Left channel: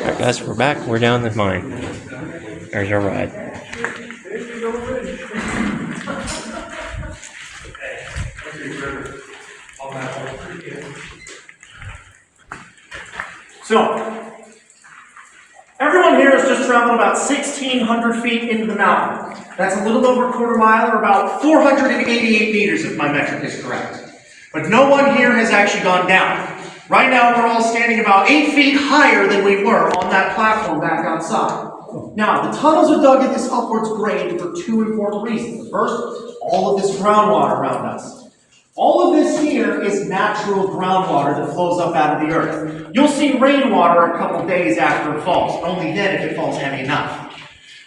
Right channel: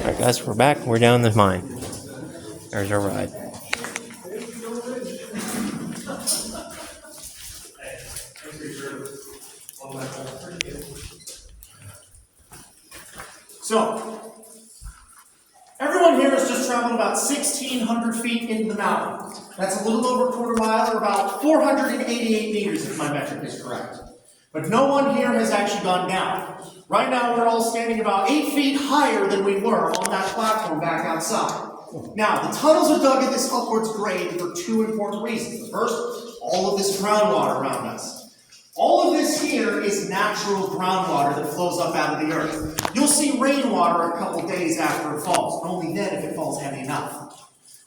Alright guys, we're back. We're down the mine. There's our ride. So, everyone here has just traveled about 1,600 feet into the mountain. That's a little over a quarter mile, or about 488 meters if my metric is correct. But no one here has actually gone down. Right now we're all standing about 8 feet higher than we were on that platform back outside. Now, the tunnels are dug at this upwards grade for two important reasons. The first, all of this groundwater around us. All of this here is natural groundwater that flows up out of the earth. You'll see rainwater a couple days after it falls, but only then if it falls heavy enough.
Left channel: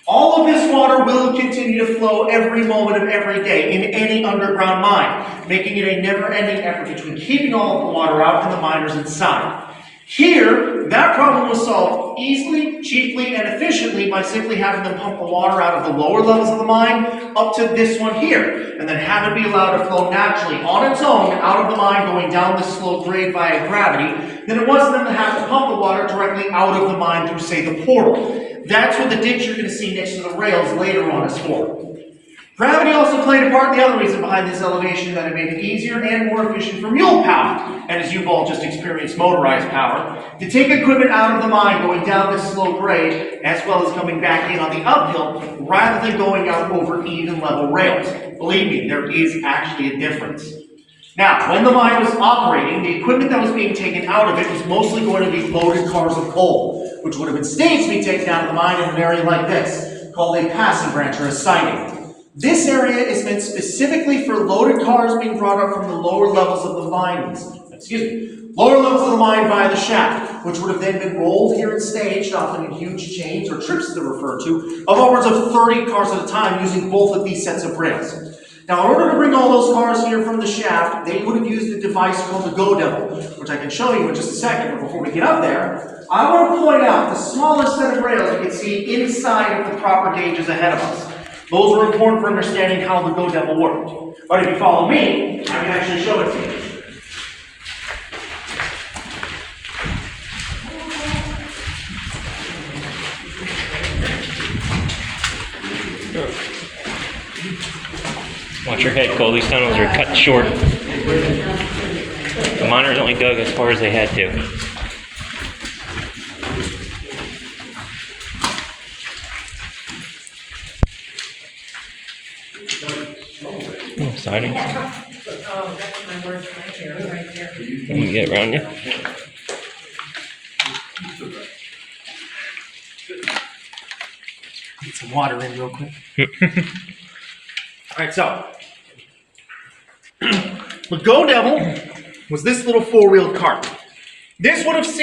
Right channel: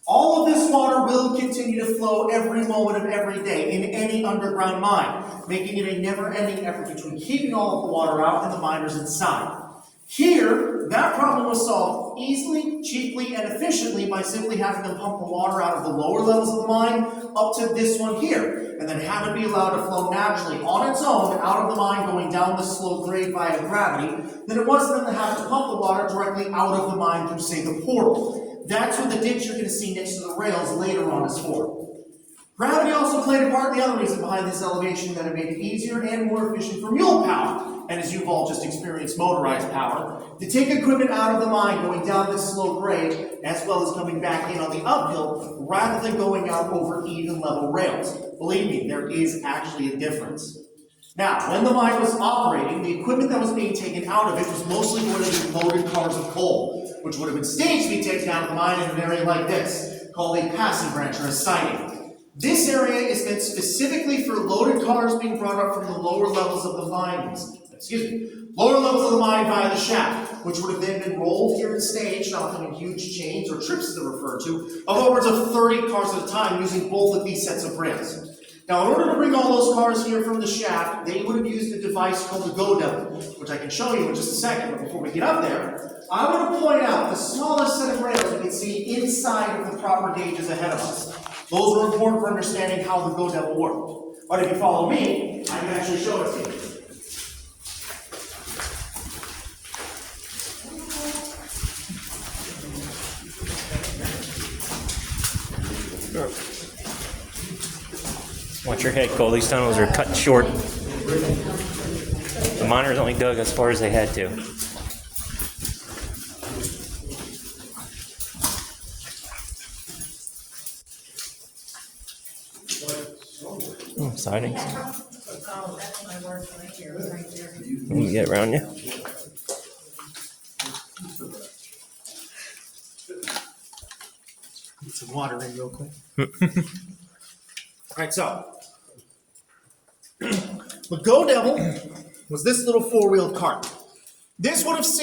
All of this water will continue to flow every moment of every day in any underground mine, making it a never-ending effort between keeping all of the water out and the miners inside. Here, that problem was solved easily, cheaply, and efficiently by simply having them pump the water out of the lower levels of the mine up to this one here, and then have it be allowed to flow naturally on its own out of the mine going down this slow grade via gravity, than it was them to have to pump the water directly out of the mine through, say, the portal. That's what the ditch you're going to see next to the rails later on is for. Gravity also played a part in the other reason behind this elevation, that it made it easier and more efficient for mule power, and as you've all just experienced motorized power, to take equipment out of the mine going down this slow grade, as well as coming back in on the uphill, rather than going out over even level rails. Believe me, there is actually a difference. Now, when the mine was operating, the equipment that was being taken out of it was mostly going to be loaded cars of coal, which would have been staged to be taken out of the mine in an area like this, called a passing branch or a siding. This area is meant specifically for loaded cars being brought up from the lower levels of the lower levels of the mine via the shaft, which would have then been rolled here and staged, often in huge chains or trips as they're referred to, of upwards of 30 cars at a time using both of these sets of rails. Now, in order to bring all those cars here from the shaft, they would have used a device called the Go Devil, which I can show you in just a second. But before we get up there, I want to point out the smallest set of rails you can see inside of the proper gauges ahead of us. Those are important for understanding how the Go Devil worked. But if you follow me, I can actually show it to you. Watch your head, Cole. These tunnels are cut short. The miners only dug as far as they had to. Oh, siding. Let me get around you. Get some water in real quick. Alright, so the Go Devil was this little four-wheeled cart. This would, as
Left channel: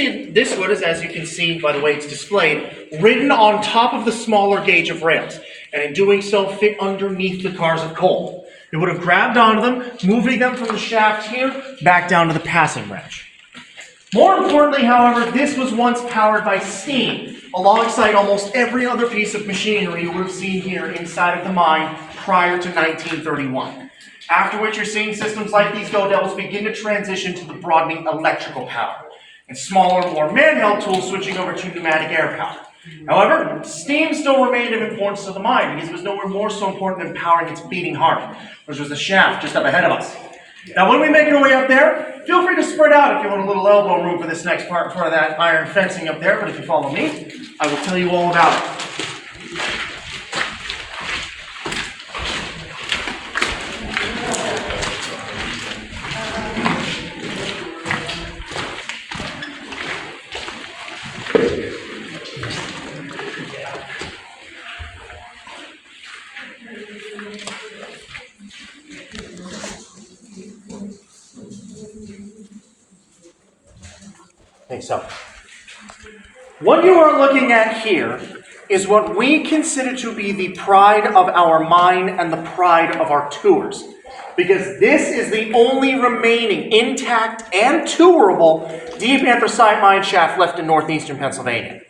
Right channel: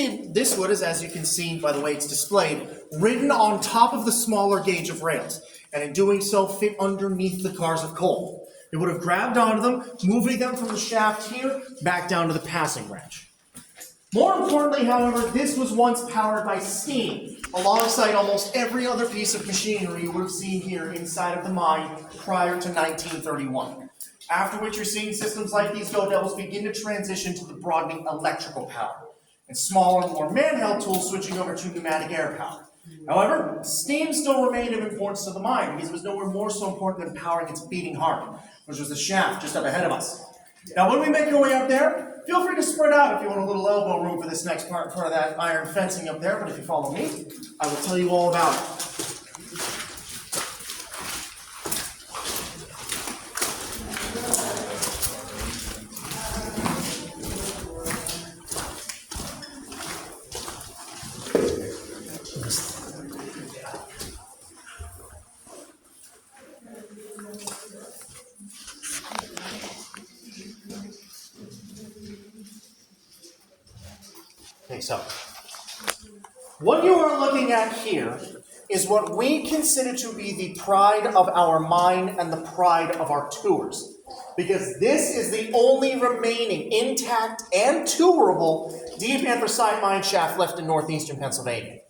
you can see by the way it's displayed, ridden on top of the smaller gauge of rails, and in doing so fit underneath the cars of coal. It would have grabbed onto them, moving them from the shaft here back down to the passing branch. More importantly, however, this was once powered by steam, alongside almost every other piece of machinery you would have seen here inside of the mine prior to 1931. After which you're seeing systems like these Go Devils begin to transition to the broadening electrical power, and smaller, more man-held tools switching over to pneumatic air power. However, steam still remained of importance to the mine because it was nowhere more so important than powering its beating heart, which was the shaft just up ahead of us. Now, when we make our way up there, feel free to spread out if you want a little elbow room for this next part in front of that iron fencing up there, but if you follow me, I will tell you all about it. Okay, so what you are looking at here is what we consider to be the pride of our mine and the pride of our tours, because this is the only remaining intact and tourable deep anthracite mine shaft left in northeastern Pennsylvania.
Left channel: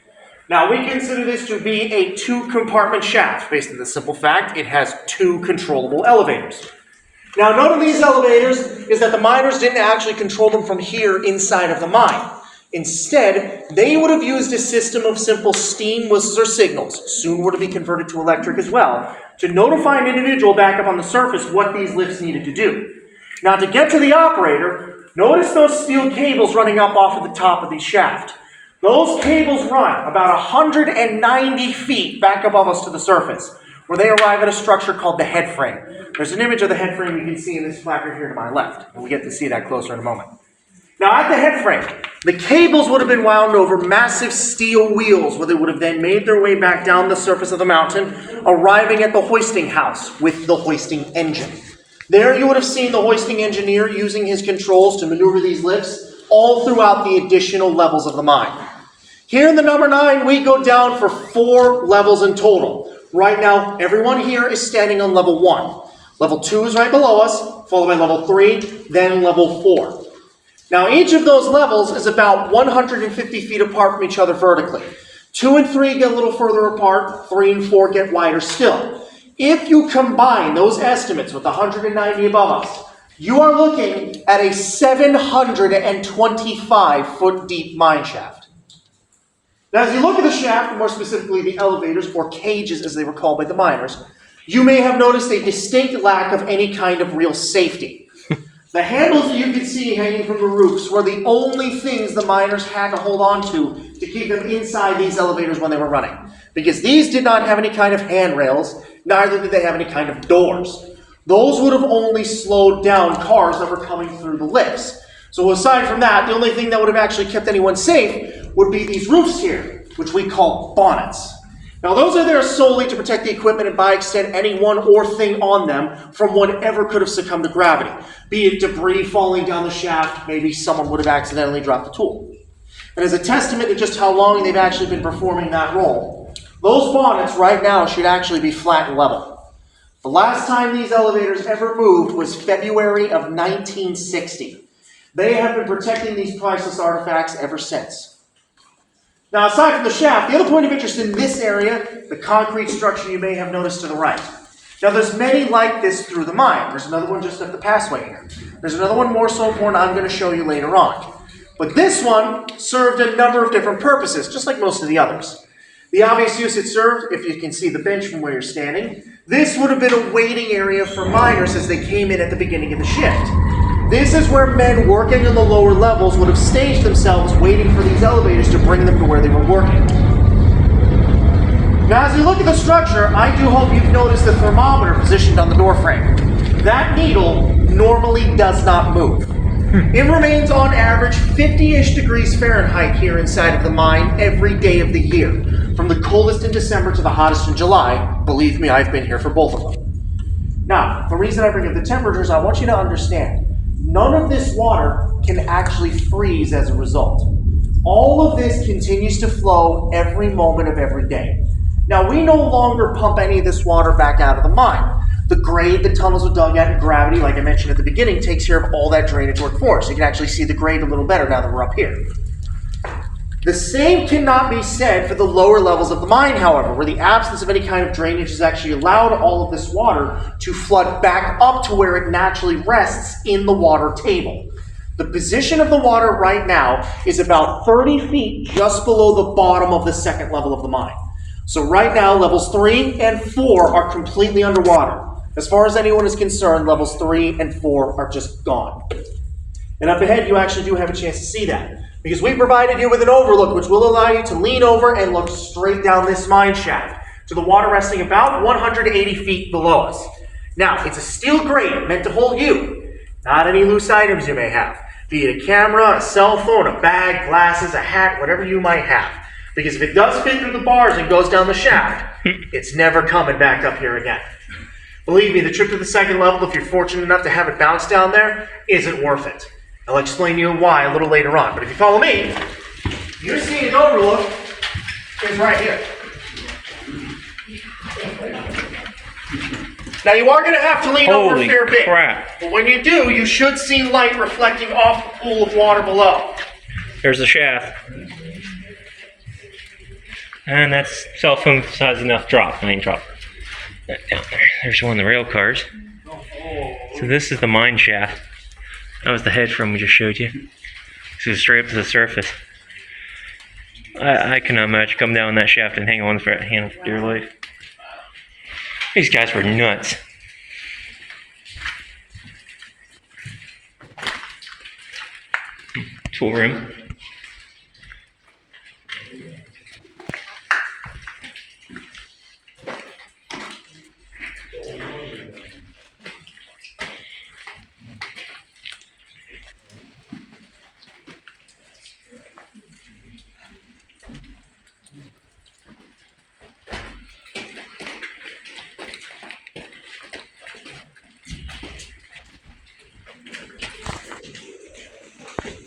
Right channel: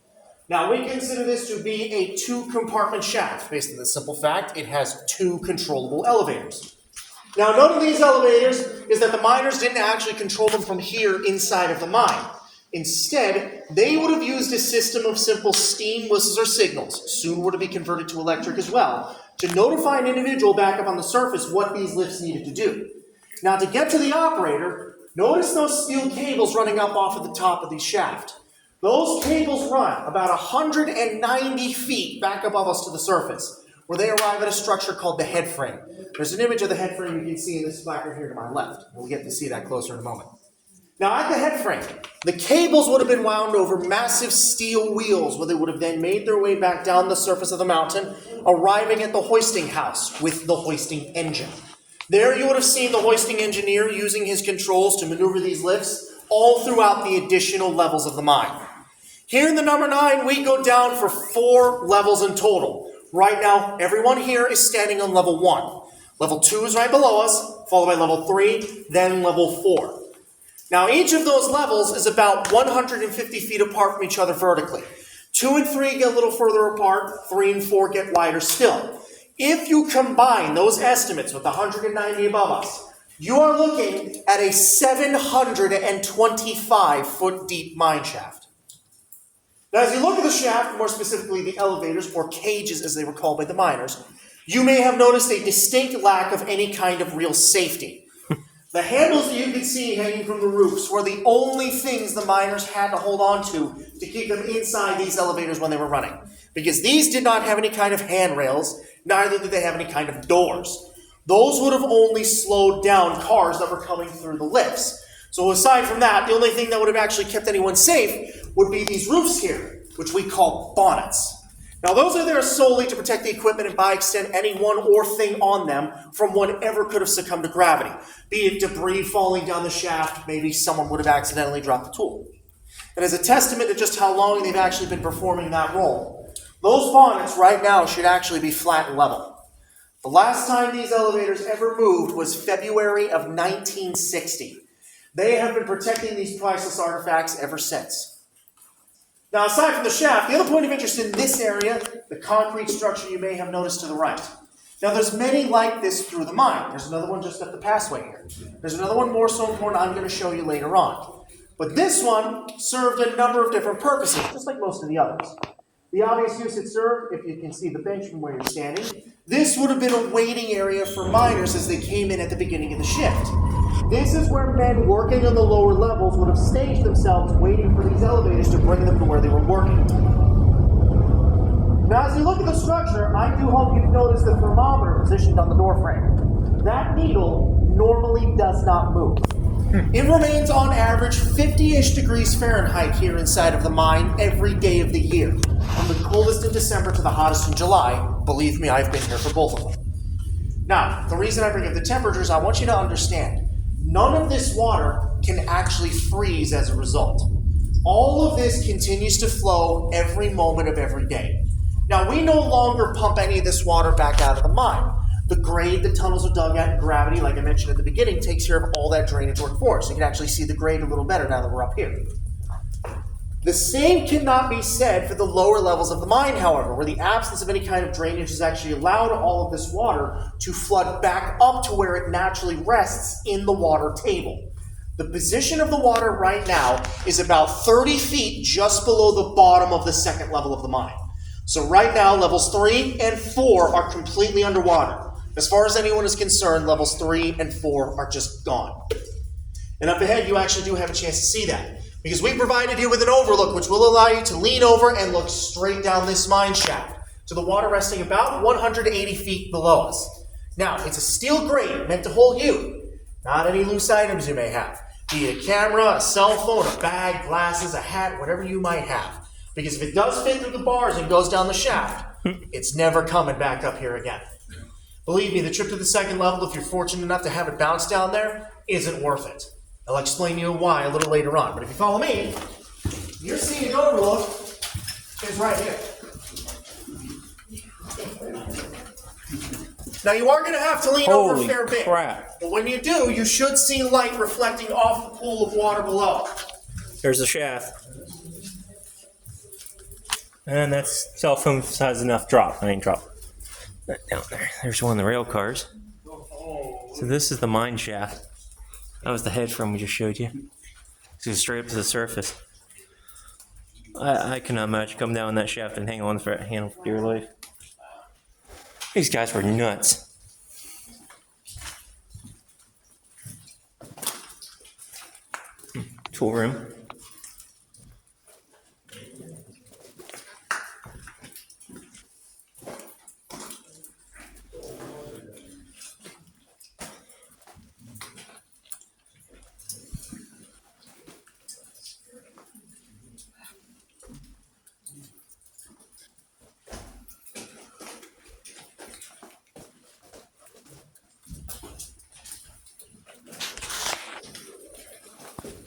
Now, we consider this to be a two-compartment shaft based on the simple fact it has two controllable elevators. Now, note of these elevators is that the miners didn't actually control them from here inside of the mine. Instead, they would have used a system of simple steam whistles or signals, soon were to be converted to electric as well, to notify an individual back up on the surface what these lifts needed to do. Now, to get to the operator, notice those steel cables running up off of the top of the shaft. Those cables run about 190 feet back above us to the surface, where they arrive at a structure called the head frame. There's an image of the head frame you can see in this placard here to my left. We'll get to see that closer in a moment. Now, at the head frame, the cables would have been wound over massive steel wheels, where they would have then made their way back down the surface of the mountain, arriving at the hoisting house with the hoisting engine. There you would have seen the hoisting engineer using his controls to maneuver these lifts all throughout the additional levels of the mine. Here in the number 9, we go down for 4 levels in total. Right now, everyone here is standing on level 1. Level 2 is right below us, followed by level 3, then level 4. Now, each of those levels is about 150 feet apart from each other vertically. 2 and 3 get a little further apart, 3 and 4 get wider still. If you combine those estimates with 190 above us, you are looking at a 725-foot deep mine shaft. Now, as you look at the shaft, more specifically the elevators, or cages as they were called by the miners, you may have noticed a distinct lack of any kind of real safety. The handles that you can see hanging from the roofs were the only things the miners had to hold on to keep them inside these elevators when they were running. Because these did not have any kind of handrails, neither did they have any kind of doors. Those would have only slowed down cars that were coming through the lifts. So aside from that, the only thing that would have actually kept anyone safe would be these roofs here, which we call bonnets. Now, those are there solely to protect the equipment and, by extent, anyone or thing on them from whatever could have succumbed to gravity. Be it debris falling down the shaft, maybe someone would have accidentally dropped the tool. And as a testament to just how long they've actually been performing that role, those bonnets right now should actually be flat and level. The last time these elevators ever moved was February of 1960. They have been protecting these priceless artifacts ever since. Now, aside from the shaft, the other point of interest in this area, the concrete structure you may have noticed to the right. Now, there's many like this through the mine. There's another one just up the passway here. There's another one more so important I'm going to show you later on. But this one served a number of different purposes, just like most of the others. The obvious use it served, if you can see the bench from where you're standing, this would have been a waiting area for miners as they came in at the beginning of the shift. This is where men working on the lower levels would have staged themselves waiting for these elevators to bring them to where they were working. Now, as you look at the structure, I do hope you've noticed the thermometer positioned on the door frame. That needle normally does not move. It remains on average 50-ish degrees Fahrenheit here inside of the mine every day of the year, from the coldest in December to the hottest in July. Believe me, I've been here for both of them. Now, the reason I bring up the temperatures, I want you to understand, none of this water can actually freeze as a result. All of this continues to flow every moment of every day. Now, we no longer pump any of this water back out of the mine. The grade the tunnels are dug at and gravity, like I mentioned at the beginning, takes care of all that drainage work for us. You can actually see the grade a little better now that we're up here. The same cannot be said for the lower levels of the mine, however, where the absence of any kind of drainage has actually allowed all of this water to flood back up to where it naturally rests in the water table. The position of the water right now is about 30 feet just below the bottom of the second level of the mine. So right now, levels 3 and 4 are completely underwater. As far as anyone is concerned, levels 3 and 4 are just gone. And up ahead, you actually do have a chance to see that, because we provided you with an overlook which will allow you to lean over and look straight down this mine shaft to the water resting about 180 feet below us. Now, it's a steel grate meant to hold you, not any loose items you may have, be it a camera, a cell phone, a bag, glasses, a hat, whatever you might have. Because if it does fit through the bars and goes down the shaft, it's never coming back up here again. Believe me, the trip to the second level, if you're fortunate enough to have it bounce down there, isn't worth it. I'll explain to you why a little later on. But if you follow me, you're seeing an overlook is right here. Now, you are going to have to lean over a fair bit. But when you do, you should see light reflecting off the pool of water below. There's the shaft. And that's cell phone size enough drop. I mean, drop that down there. There's one of the rail cars. So this is the mine shaft. That was the head frame we just showed you. So straight up to the surface. I cannot imagine coming down that shaft and hang on for dear life. These guys were nuts. Tool room.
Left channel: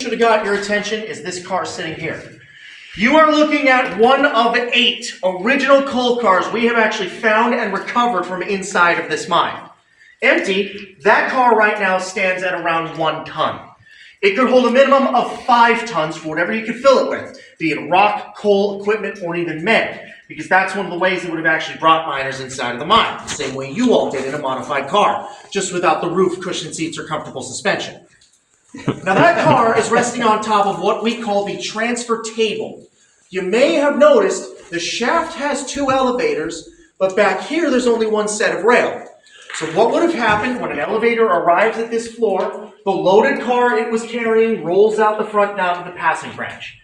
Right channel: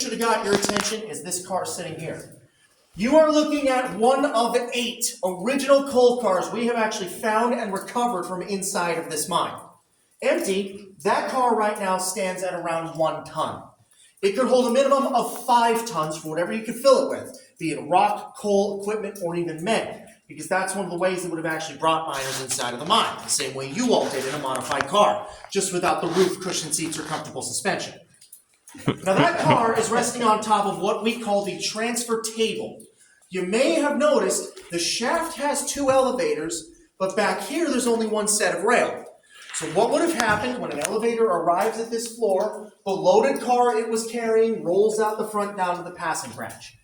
Should have got your attention is this car sitting here. You are looking at one of 8 original coal cars we have actually found and recovered from inside of this mine. Empty, that car right now stands at around 1 ton. It could hold a minimum of 5 tons for whatever you could fill it with, be it rock, coal, equipment, or even men, because that's one of the ways that would have actually brought miners inside of the mine, the same way you all did in a modified car, just without the roof, cushion seats, or comfortable suspension. Now that car is resting on top of what we call the transfer table. You may have noticed the shaft has 2 elevators, but back here there's only 1 set of rail. So what would have happened when an elevator arrives at this floor, the loaded car it was carrying rolls out the front down to the passing branch.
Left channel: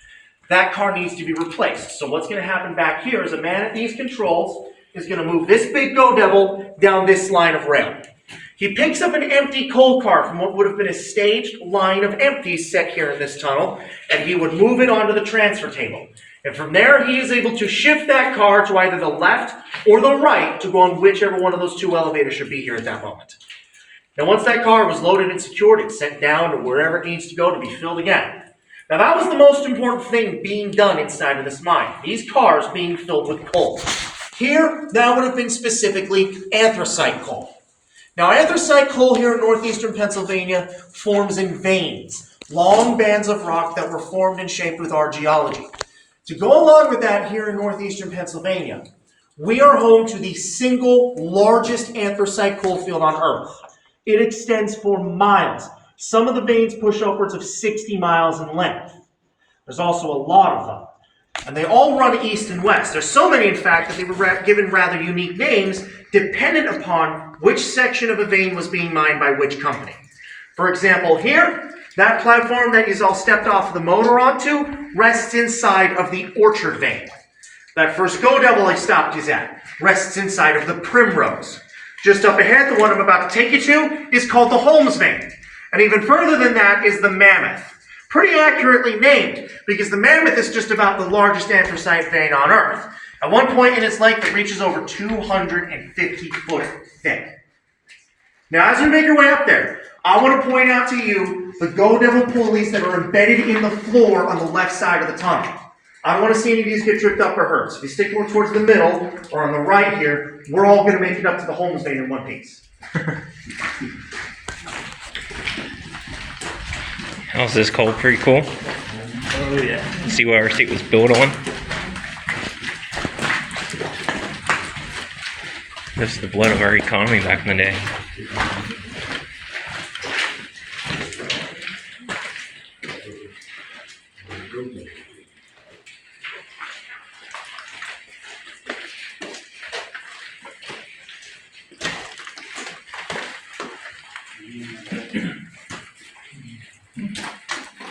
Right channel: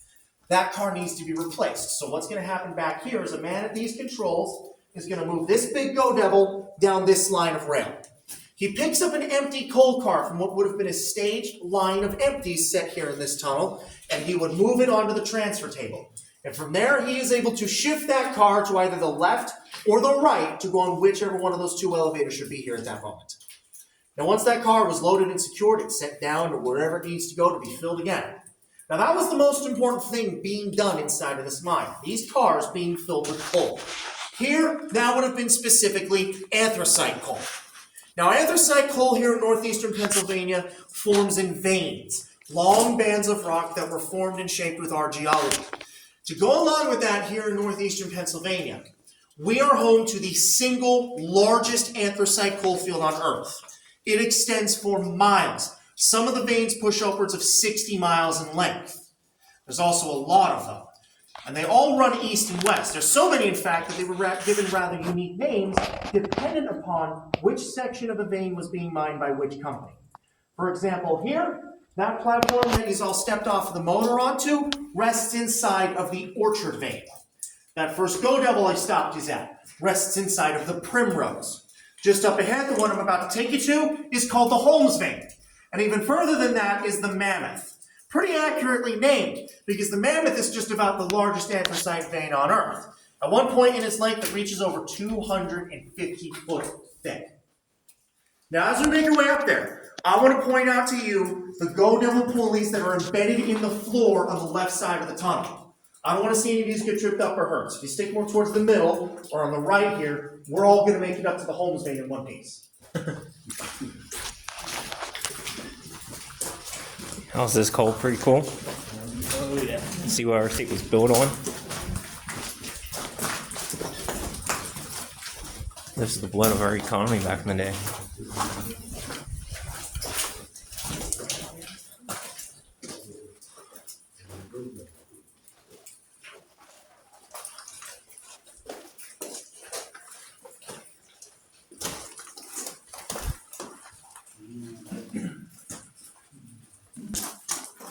That car needs to be replaced. So what's going to happen back here is a man at these controls is going to move this big Go Devil down this line of rail. He picks up an empty coal car from what would have been a staged line of empties set here in this tunnel, and he would move it onto the transfer table. And from there, he is able to shift that car to either the left or the right to go on whichever one of those 2 elevators should be here at that moment. Now, once that car was loaded and secured, it's sent down to wherever it needs to go to be filled again. Now, that was the most important thing being done inside of this mine, these cars being filled with coal. Here, that would have been specifically anthracite coal. Now, anthracite coal here in northeastern Pennsylvania forms in veins, long bands of rock that were formed and shaped with our geology. To go along with that here in northeastern Pennsylvania, we are home to the single largest anthracite coal field on Earth. It extends for miles. Some of the veins push upwards of 60 miles in length. There's also a lot of them. And they all run east and west. There's so many, in fact, that they were given rather unique names dependent upon which section of a vein was being mined by which company. For example, here, that platform that you all stepped off the motor onto rests inside of the Orchard vein. That first Go Devil I stopped you at rests inside of the Primrose. Just up ahead, the one I'm about to take you to is called the Holmes vein. And even further than that is the Mammoth. Pretty accurately named, because the Mammoth is just about the largest anthracite vein on Earth. At one point in its length, it reaches over 250 foot thick. Now, as we make our way up there, I want to point out to you the Go Devil pulleys that are embedded in the floor on the left side of the tunnel. I don't want to see any of these get tripped up or hurt. So if you stick more towards the middle or on the right here, we're all going to make it up to the Holmes vein in one piece. How's this coal? Pretty cool. Oh yeah. See what our seat was built on. This is the blood of our economy back in the day.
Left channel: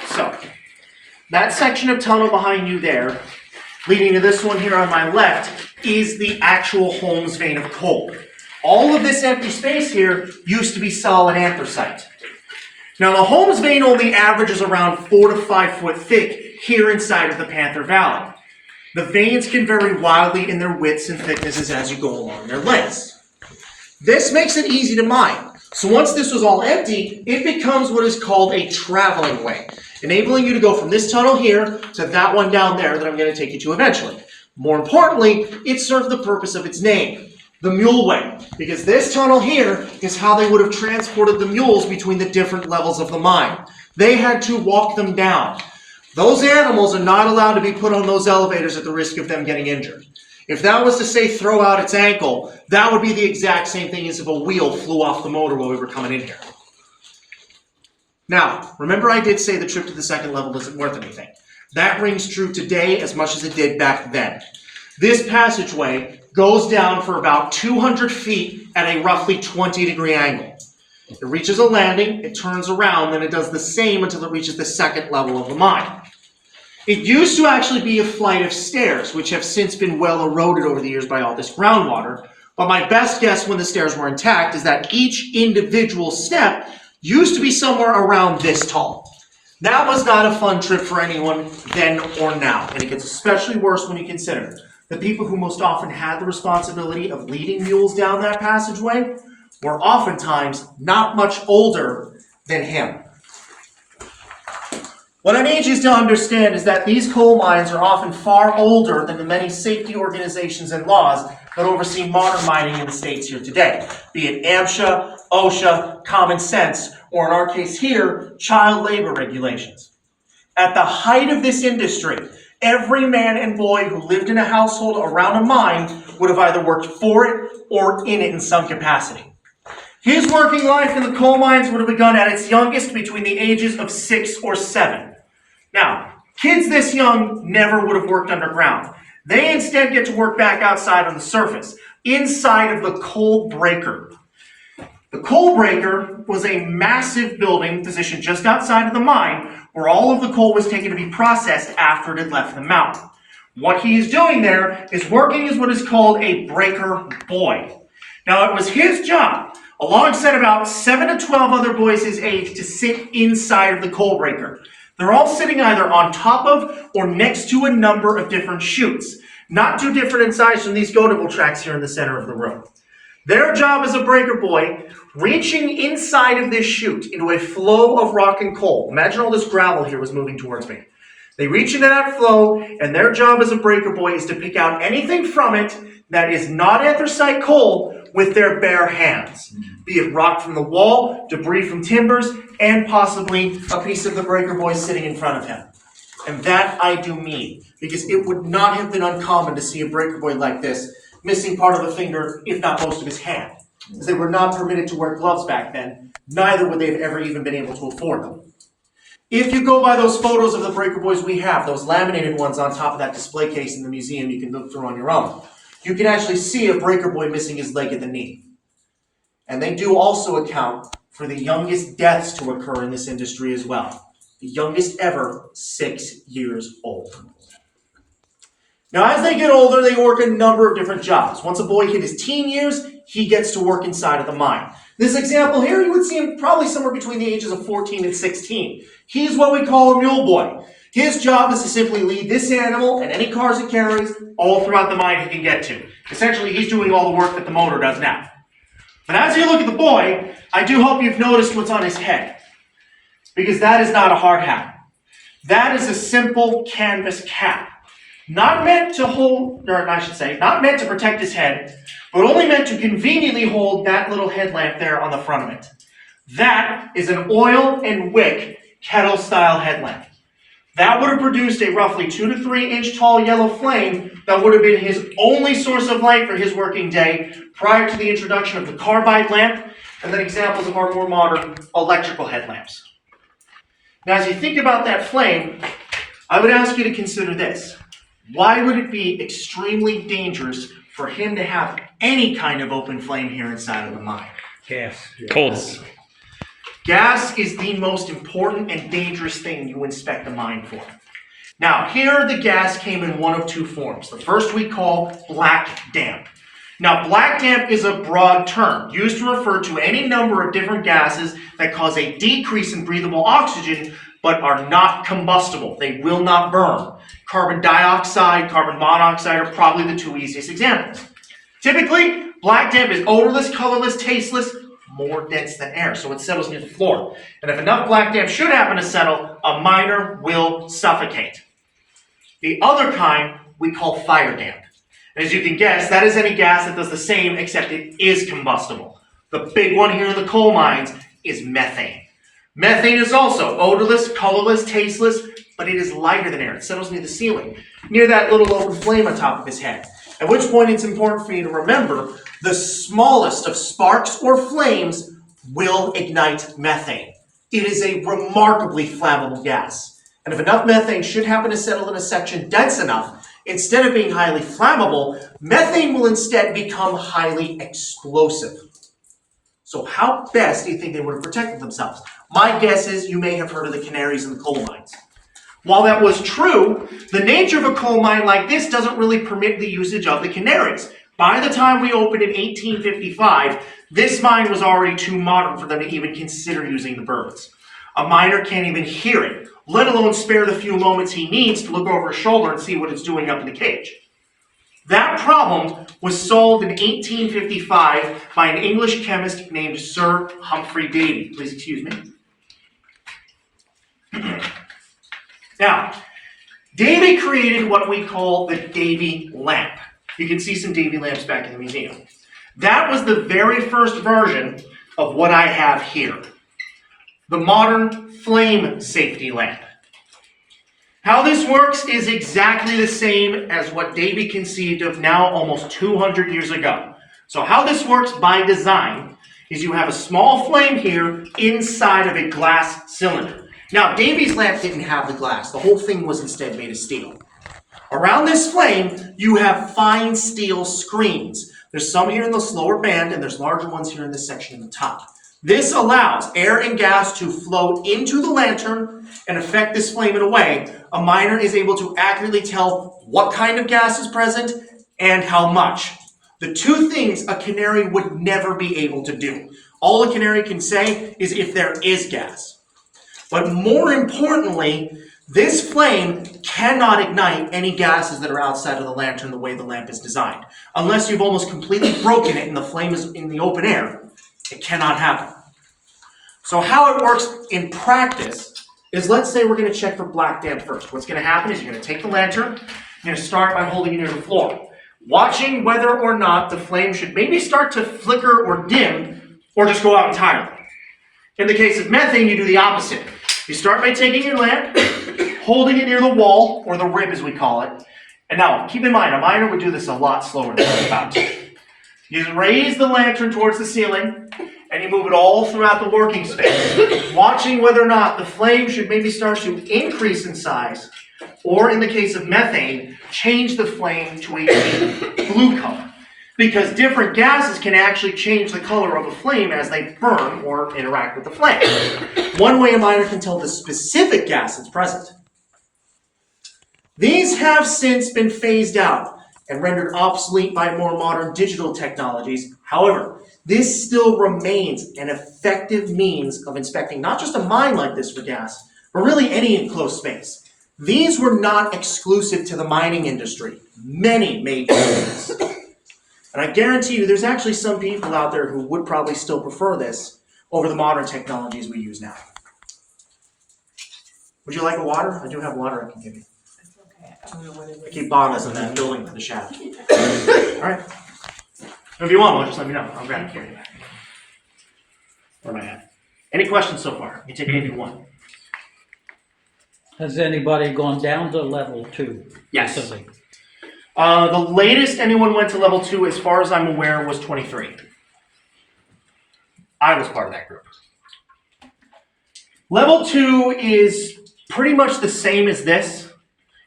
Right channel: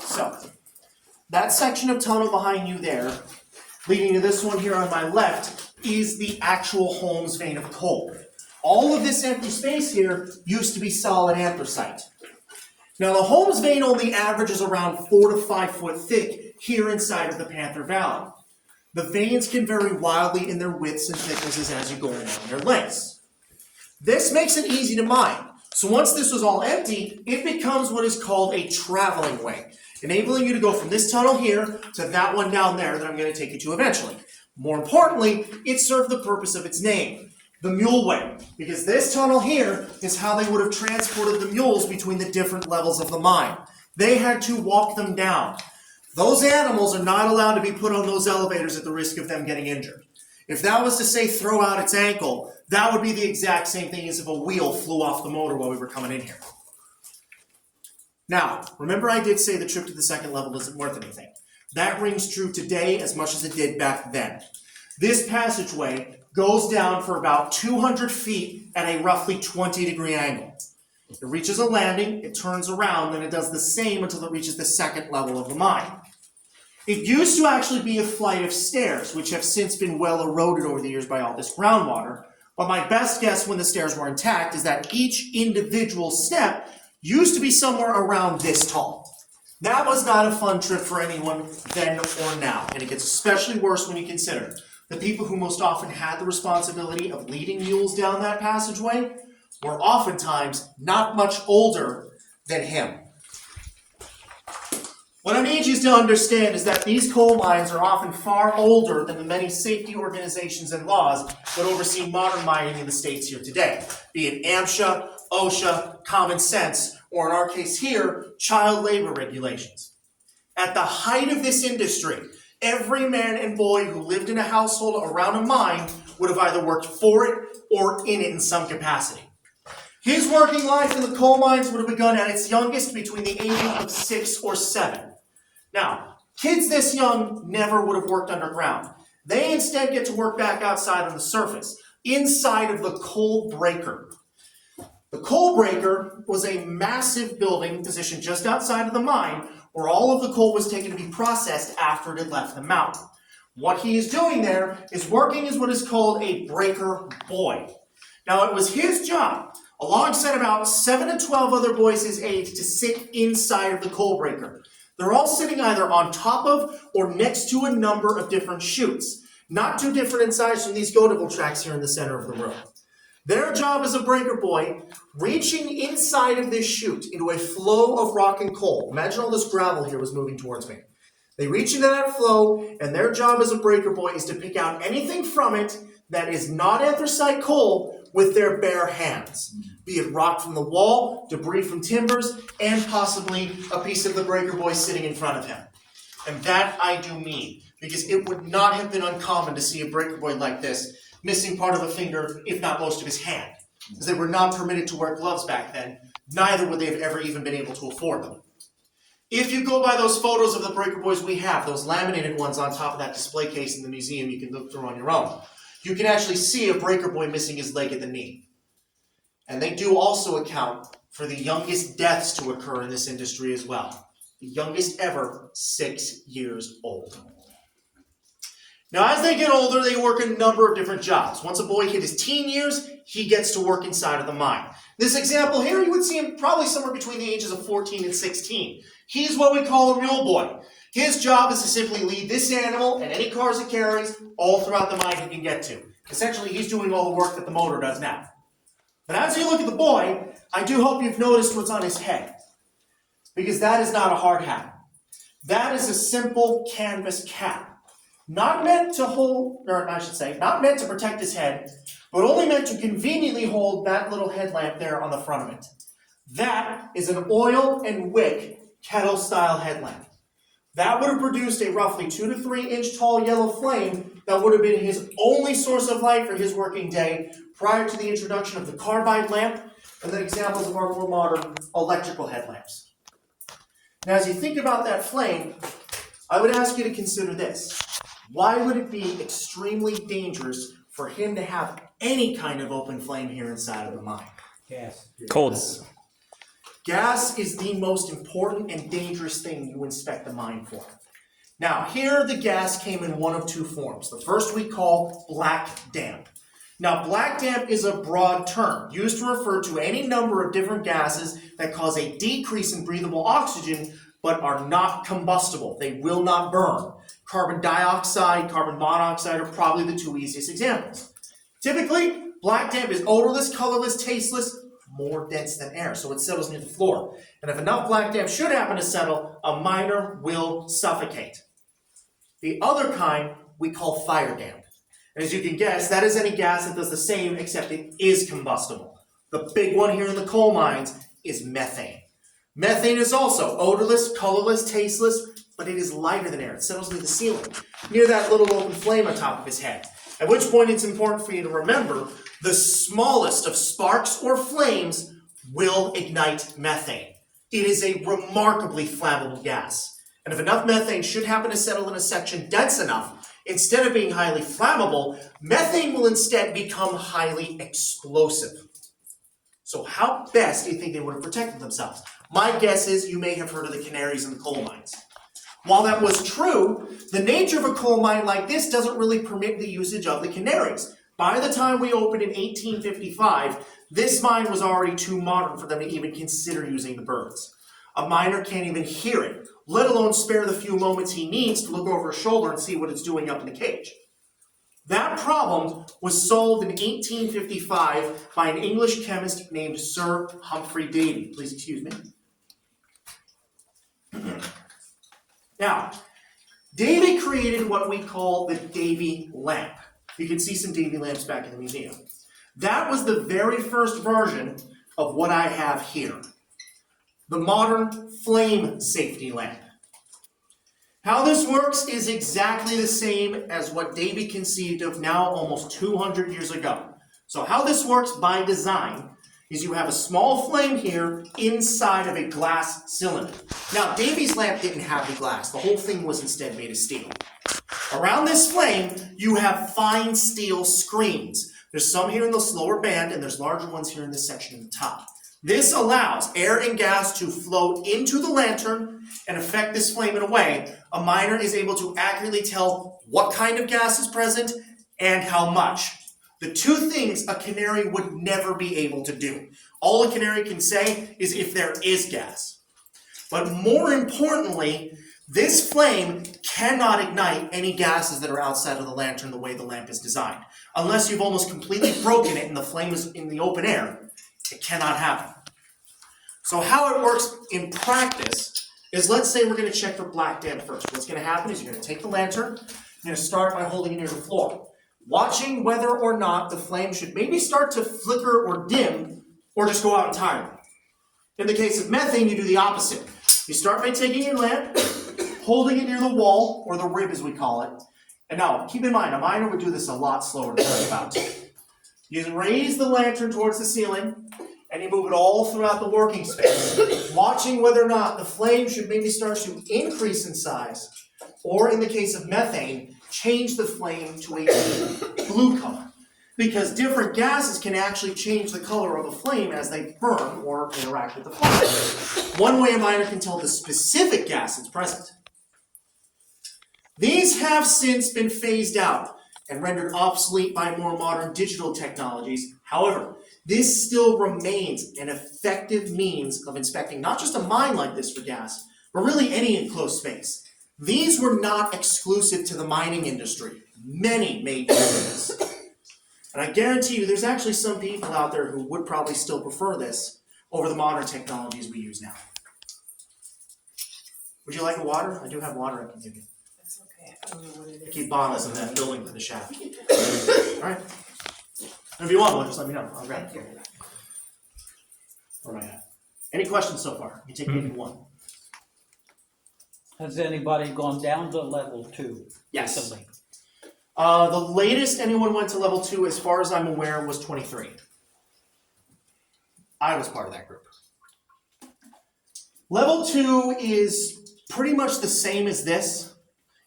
So, that section of tunnel behind you there, leading to this one here on my left, is the actual Holmes vein of coal. All of this empty space here used to be solid anthracite. Now, the Holmes vein only averages around 4 to 5 foot thick here inside of the Panther Valley. The veins can vary wildly in their widths and thicknesses as you go along their lengths. This makes it easy to mine. So once this was all empty, it becomes what is called a traveling way, enabling you to go from this tunnel here to that one down there that I'm going to take you to eventually. More importantly, it served the purpose of its name, the mule way, because this tunnel here is how they would have transported the mules between the different levels of the mine. They had to walk them down. Those animals are not allowed to be put on those elevators at the risk of them getting injured. If that was to say throw out its ankle, that would be the exact same thing as if a wheel flew off the motor while we were coming in here. Now, remember I did say the trip to the second level isn't worth anything. That rings true today as much as it did back then. This passageway goes down for about 200 feet at a roughly 20-degree angle. It reaches a landing, it turns around, then it does the same until it reaches the second level of the mine. It used to actually be a flight of stairs, which have since been well eroded over the years by all this groundwater. But my best guess when the stairs were intact is that each individual step used to be somewhere around this tall. That was not a fun trip for anyone then or now, and it gets especially worse when you consider the people who most often had the responsibility of leading mules down that passageway were oftentimes not much older than him. What I need you to understand is that these coal mines are often far older than the many safety organizations and laws that oversee modern mining in the states here today, be it AMSHA, OSHA, Common Sense, or in our case here, child labor regulations. At the height of this industry, every man and boy who lived in a household around a mine would have either worked for it or in it in some capacity. His working life in the coal mines would have begun at its youngest between the ages of 6 or 7. Now, kids this young never would have worked underground. They instead get to work back outside on the surface, inside of the coal breaker. The coal breaker was a massive building positioned just outside of the mine where all of the coal was taken to be processed after it had left the mountain. What he is doing there is working as what is called a breaker boy. Now, it was his job, alongside about 7 to 12 other boys his age, to sit inside of the coal breaker. They're all sitting either on top of or next to a number of different chutes, not too different in size from these go-to tracks here in the center of the room. Their job as a breaker boy, reaching inside of this chute into a flow of rock and coal. Imagine all this gravel here was moving towards me. They reach into that flow, and their job as a breaker boy is to pick out anything from it that is not anthracite coal with their bare hands. Be it rock from the wall, debris from timbers, and possibly a piece of the breaker boy sitting in front of him. And that I do mean, because it would not have been uncommon to see a breaker boy like this missing part of a finger, if not most of his hand. As they were not permitted to wear gloves back then, neither would they have ever even been able to afford them. If you go by those photos of the breaker boys we have, those laminated ones on top of that display case in the museum you can look through on your own, you can actually see a breaker boy missing his leg at the knee. And they do also account for the youngest deaths to occur in this industry as well. The youngest ever, 6 years old. Now, as they get older, they work a number of different jobs. Once a boy hit his teen years, he gets to work inside of the mine. This example here, you would see him probably somewhere between the ages of 14 and 16. He's what we call a mule boy. His job is to simply lead this animal and any cars it carries all throughout the mine he can get to. Essentially, he's doing all the work that the motor does now. But as you look at the boy, I do hope you've noticed what's on his head. Because that is not a hard hat. That is a simple canvas cap. Not meant to hold, or I should say, not meant to protect his head, but only meant to conveniently hold that little headlamp there on the front of it. That is an oil and wick kettle-style headlamp. That would have produced a roughly 2 to 3 inch tall yellow flame that would have been his only source of light for his working day prior to the introduction of the carbide lamp and then examples of our more modern electrical headlamps. Now, as you think about that flame, I would ask you to consider this. Why would it be extremely dangerous for him to have any kind of open flame here inside of the mine? Gas. Cold. Gas is the most important and dangerous thing you inspect a mine for. Now, here the gas came in one of two forms. The first we call black damp. Now, black damp is a broad term used to refer to any number of different gases that cause a decrease in breathable oxygen but are not combustible. They will not burn. Carbon dioxide, carbon monoxide are probably the two easiest examples. Typically, black damp is odorless, colorless, tasteless, more dense than air, so it settles near the floor. And if enough black damp should happen to settle, a miner will suffocate. The other kind we call fire damp. And as you can guess, that is any gas that does the same, except it is combustible. The big one here in the coal mines is methane. Methane is also odorless, colorless, tasteless, but it is lighter than air. It settles near the ceiling, near that little open flame on top of his head. At which point it's important for you to remember the smallest of sparks or flames will ignite methane. It is a remarkably flammable gas. And if enough methane should happen to settle in a section dense enough, instead of being highly flammable, methane will instead become highly explosive. So how best do you think they would have protected themselves? My guess is you may have heard of the canaries in the coal mines. While that was true, the nature of a coal mine like this doesn't really permit the usage of the canaries. By the time we opened in 1855, this mine was already too modern for them to even consider using the birds. A miner can't even hear it, let alone spare the few moments he needs to look over his shoulder and see what it's doing up in the cage. That problem was solved in 1855 by an English chemist named Sir Humphrey Davy. Please excuse me. Now, Davy created what we call the Davy lamp. You can see some Davy lamps back in the museum. That was the very first version of what I have here, the modern flame safety lamp. How this works is exactly the same as what Davy conceived of now almost 200 years ago. So how this works by design is you have a small flame here inside of a glass cylinder. Now, Davy's lamp didn't have the glass. The whole thing was instead made of steel. Around this flame, you have fine steel screens. There's some here in the lower band, and there's larger ones here in this section in the top. This allows air and gas to flow into the lantern and affect this flame in a way a miner is able to accurately tell what kind of gas is present and how much. The two things a canary would never be able to do. All a canary can say is if there is gas. But more importantly, this flame cannot ignite any gases that are outside of the lantern the way the lamp is designed. Unless you've almost completely broken it and the flame is in the open air, it cannot happen. So how it works in practice is, let's say we're going to check for black damp first. What's going to happen is you're going to take the lantern, you're going to start by holding it near the floor, watching whether or not the flame should maybe start to flicker or dim, or just go out entirely. In the case of methane, you do the opposite. You start by taking your lamp, holding it near the wall, or the rib as we call it. And now, keep in mind, a miner would do this a lot slower than I'm about to. You raise the lantern towards the ceiling, and you move it all throughout the working space, watching whether or not the flame should maybe start to increase in size, or in the case of methane, change the flame to a blue color. Because different gases can actually change the color of a flame as they burn or interact with the flame. One way a miner can tell the specific gas that's present. These have since been phased out and rendered obsolete by more modern digital technologies. However, this still remains an effective means of inspecting not just a mine like this for gas, but really any enclosed space. These were not exclusive to the mining industry. Many made use of this. And I guarantee you there's actually some people out there who would probably still prefer this over the modern technologies we use now. Would you like a water? I do have water I can give you. That's okay. I don't know what it is. I keep bottles in that building for the shaft. All right. If you want one, just let me know. I'll grab it for you. Where am I at? Any questions so far? You take maybe one. Has anybody gone down to level 2? Yes. recently? The latest anyone went to level 2, as far as I'm aware, was 23. I was part of that group. Level 2 is pretty much the same as this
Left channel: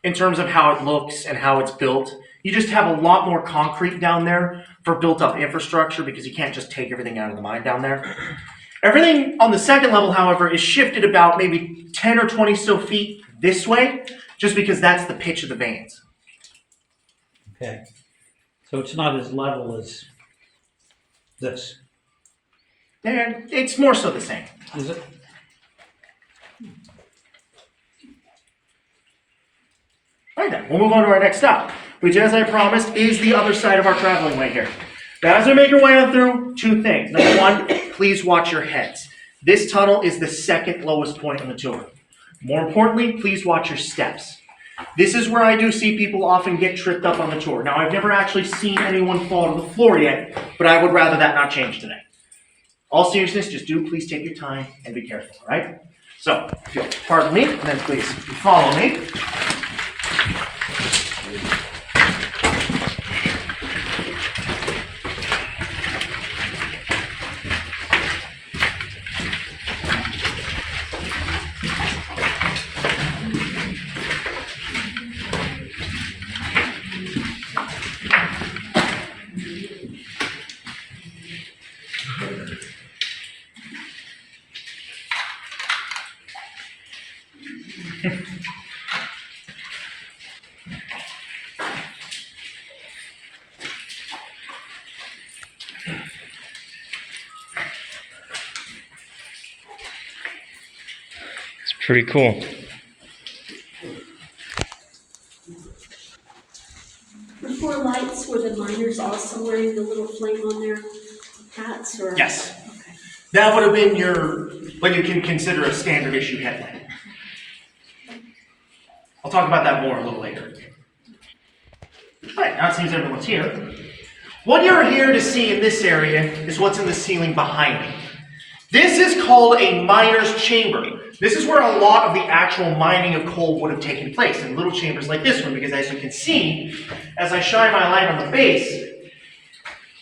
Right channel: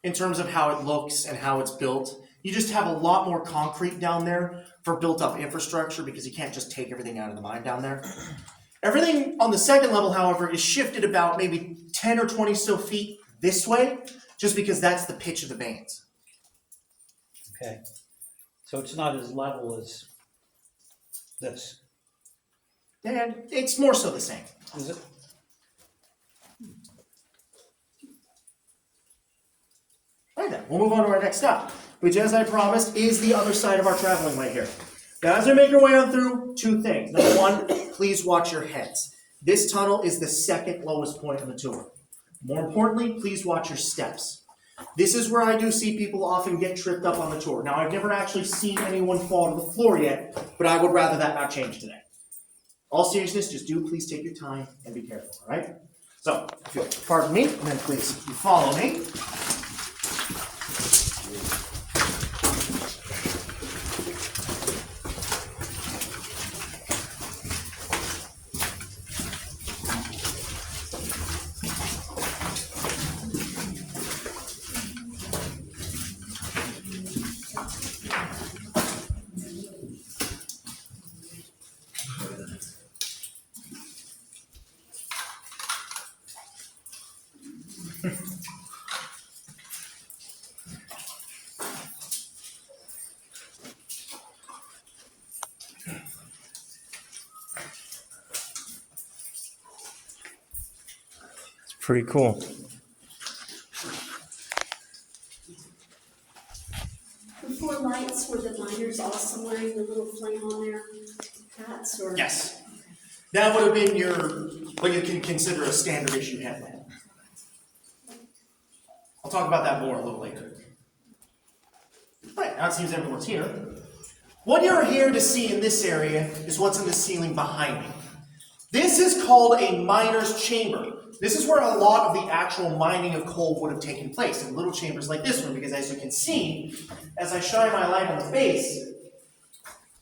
in terms of how it looks and how it's built. You just have a lot more concrete down there for built up infrastructure because you can't just take everything out of the mine down there. Everything on the second level, however, is shifted about maybe 10 or 20 still feet this way, just because that's the pitch of the veins. Okay. So it's not as level as this, And it's more so the same. is it? All right then, we'll move on to our next stop, which, as I promised, is the other side of our traveling way here. Now, as we make our way on through, two things. Number one, please watch your heads. This tunnel is the second lowest point on the tour. More importantly, please watch your steps. This is where I do see people often get tripped up on the tour. Now, I've never actually seen anyone fall to the floor yet, but I would rather that not change today. All seriousness, just do please take your time and be careful, all right? So, if you'll pardon me, then please follow me. pretty cool. The 4 lights, were the miners also wearing the little flame on their hats, or? Yes. Okay. That would have been what you can consider a standard issue headlamp. I'll talk about that more a little later. All right, now it seems everyone's here. What you're here to see in this area is what's in the ceiling behind me. This is called a miner's chamber. This is where a lot of the actual mining of coal would have taken place, in little chambers like this one, because as you can see, as I shine my light on the base,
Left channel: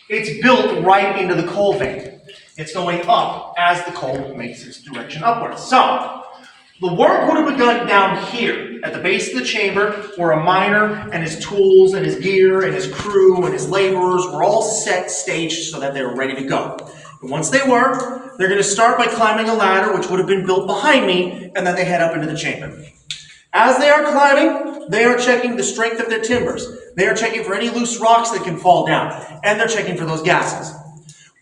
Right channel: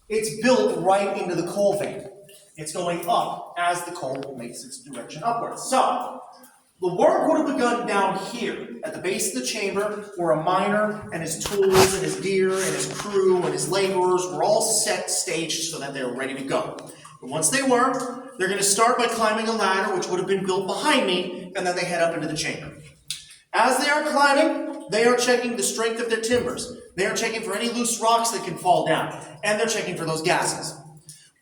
it's built right into the coal vein. It's going up as the coal makes its direction upwards. So, the work would have begun down here, at the base of the chamber, where a miner and his tools and his gear and his crew and his laborers were all set, staged, so that they were ready to go. And once they were, they're going to start by climbing a ladder, which would have been built behind me, and then they head up into the chamber. As they are climbing, they are checking the strength of their timbers. They are checking for any loose rocks that can fall down, and they're checking for those gases.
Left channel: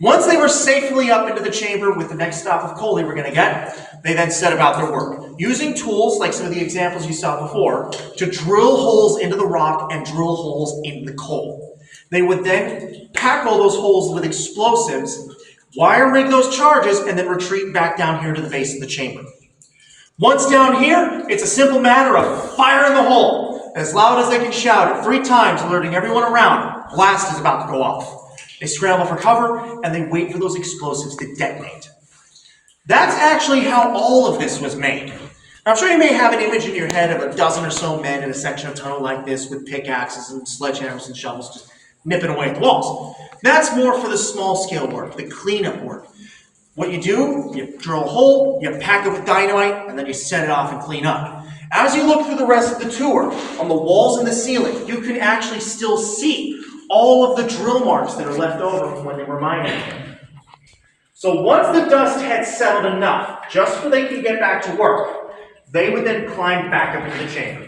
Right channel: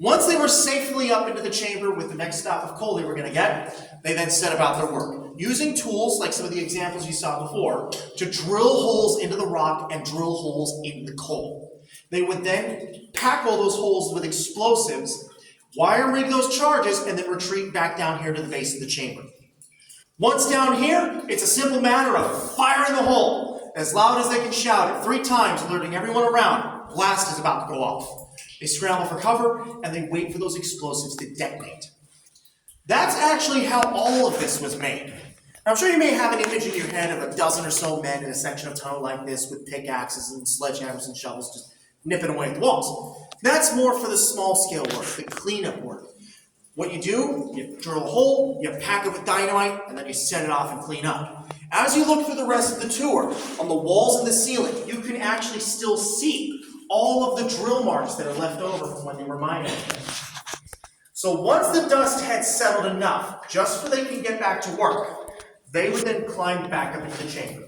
Once they were safely up into the chamber with the next stop of coal they were going to get, they then set about their work, using tools like some of the examples you saw before to drill holes into the rock and drill holes into the coal. They would then pack all those holes with explosives, wire rig those charges, and then retreat back down here to the base of the chamber. Once down here, it's a simple matter of fire in the hole, as loud as they can shout it 3 times, alerting everyone around. Blast is about to go off. They scramble for cover, and they wait for those explosives to detonate. That's actually how all of this was made. Now, I'm sure you may have an image in your head of a dozen or so men in a section of tunnel like this with pickaxes and sledgehammers and shovels just nipping away at the walls. That's more for the small scale work, the cleanup work. What you do, you drill a hole, you pack it with dynamite, and then you set it off and clean up. As you look through the rest of the tour, on the walls and the ceiling, you can actually still see all of the drill marks that are left over from when they were mining. So once the dust had settled enough, just so they can get back to work, they would then climb back up into the chamber.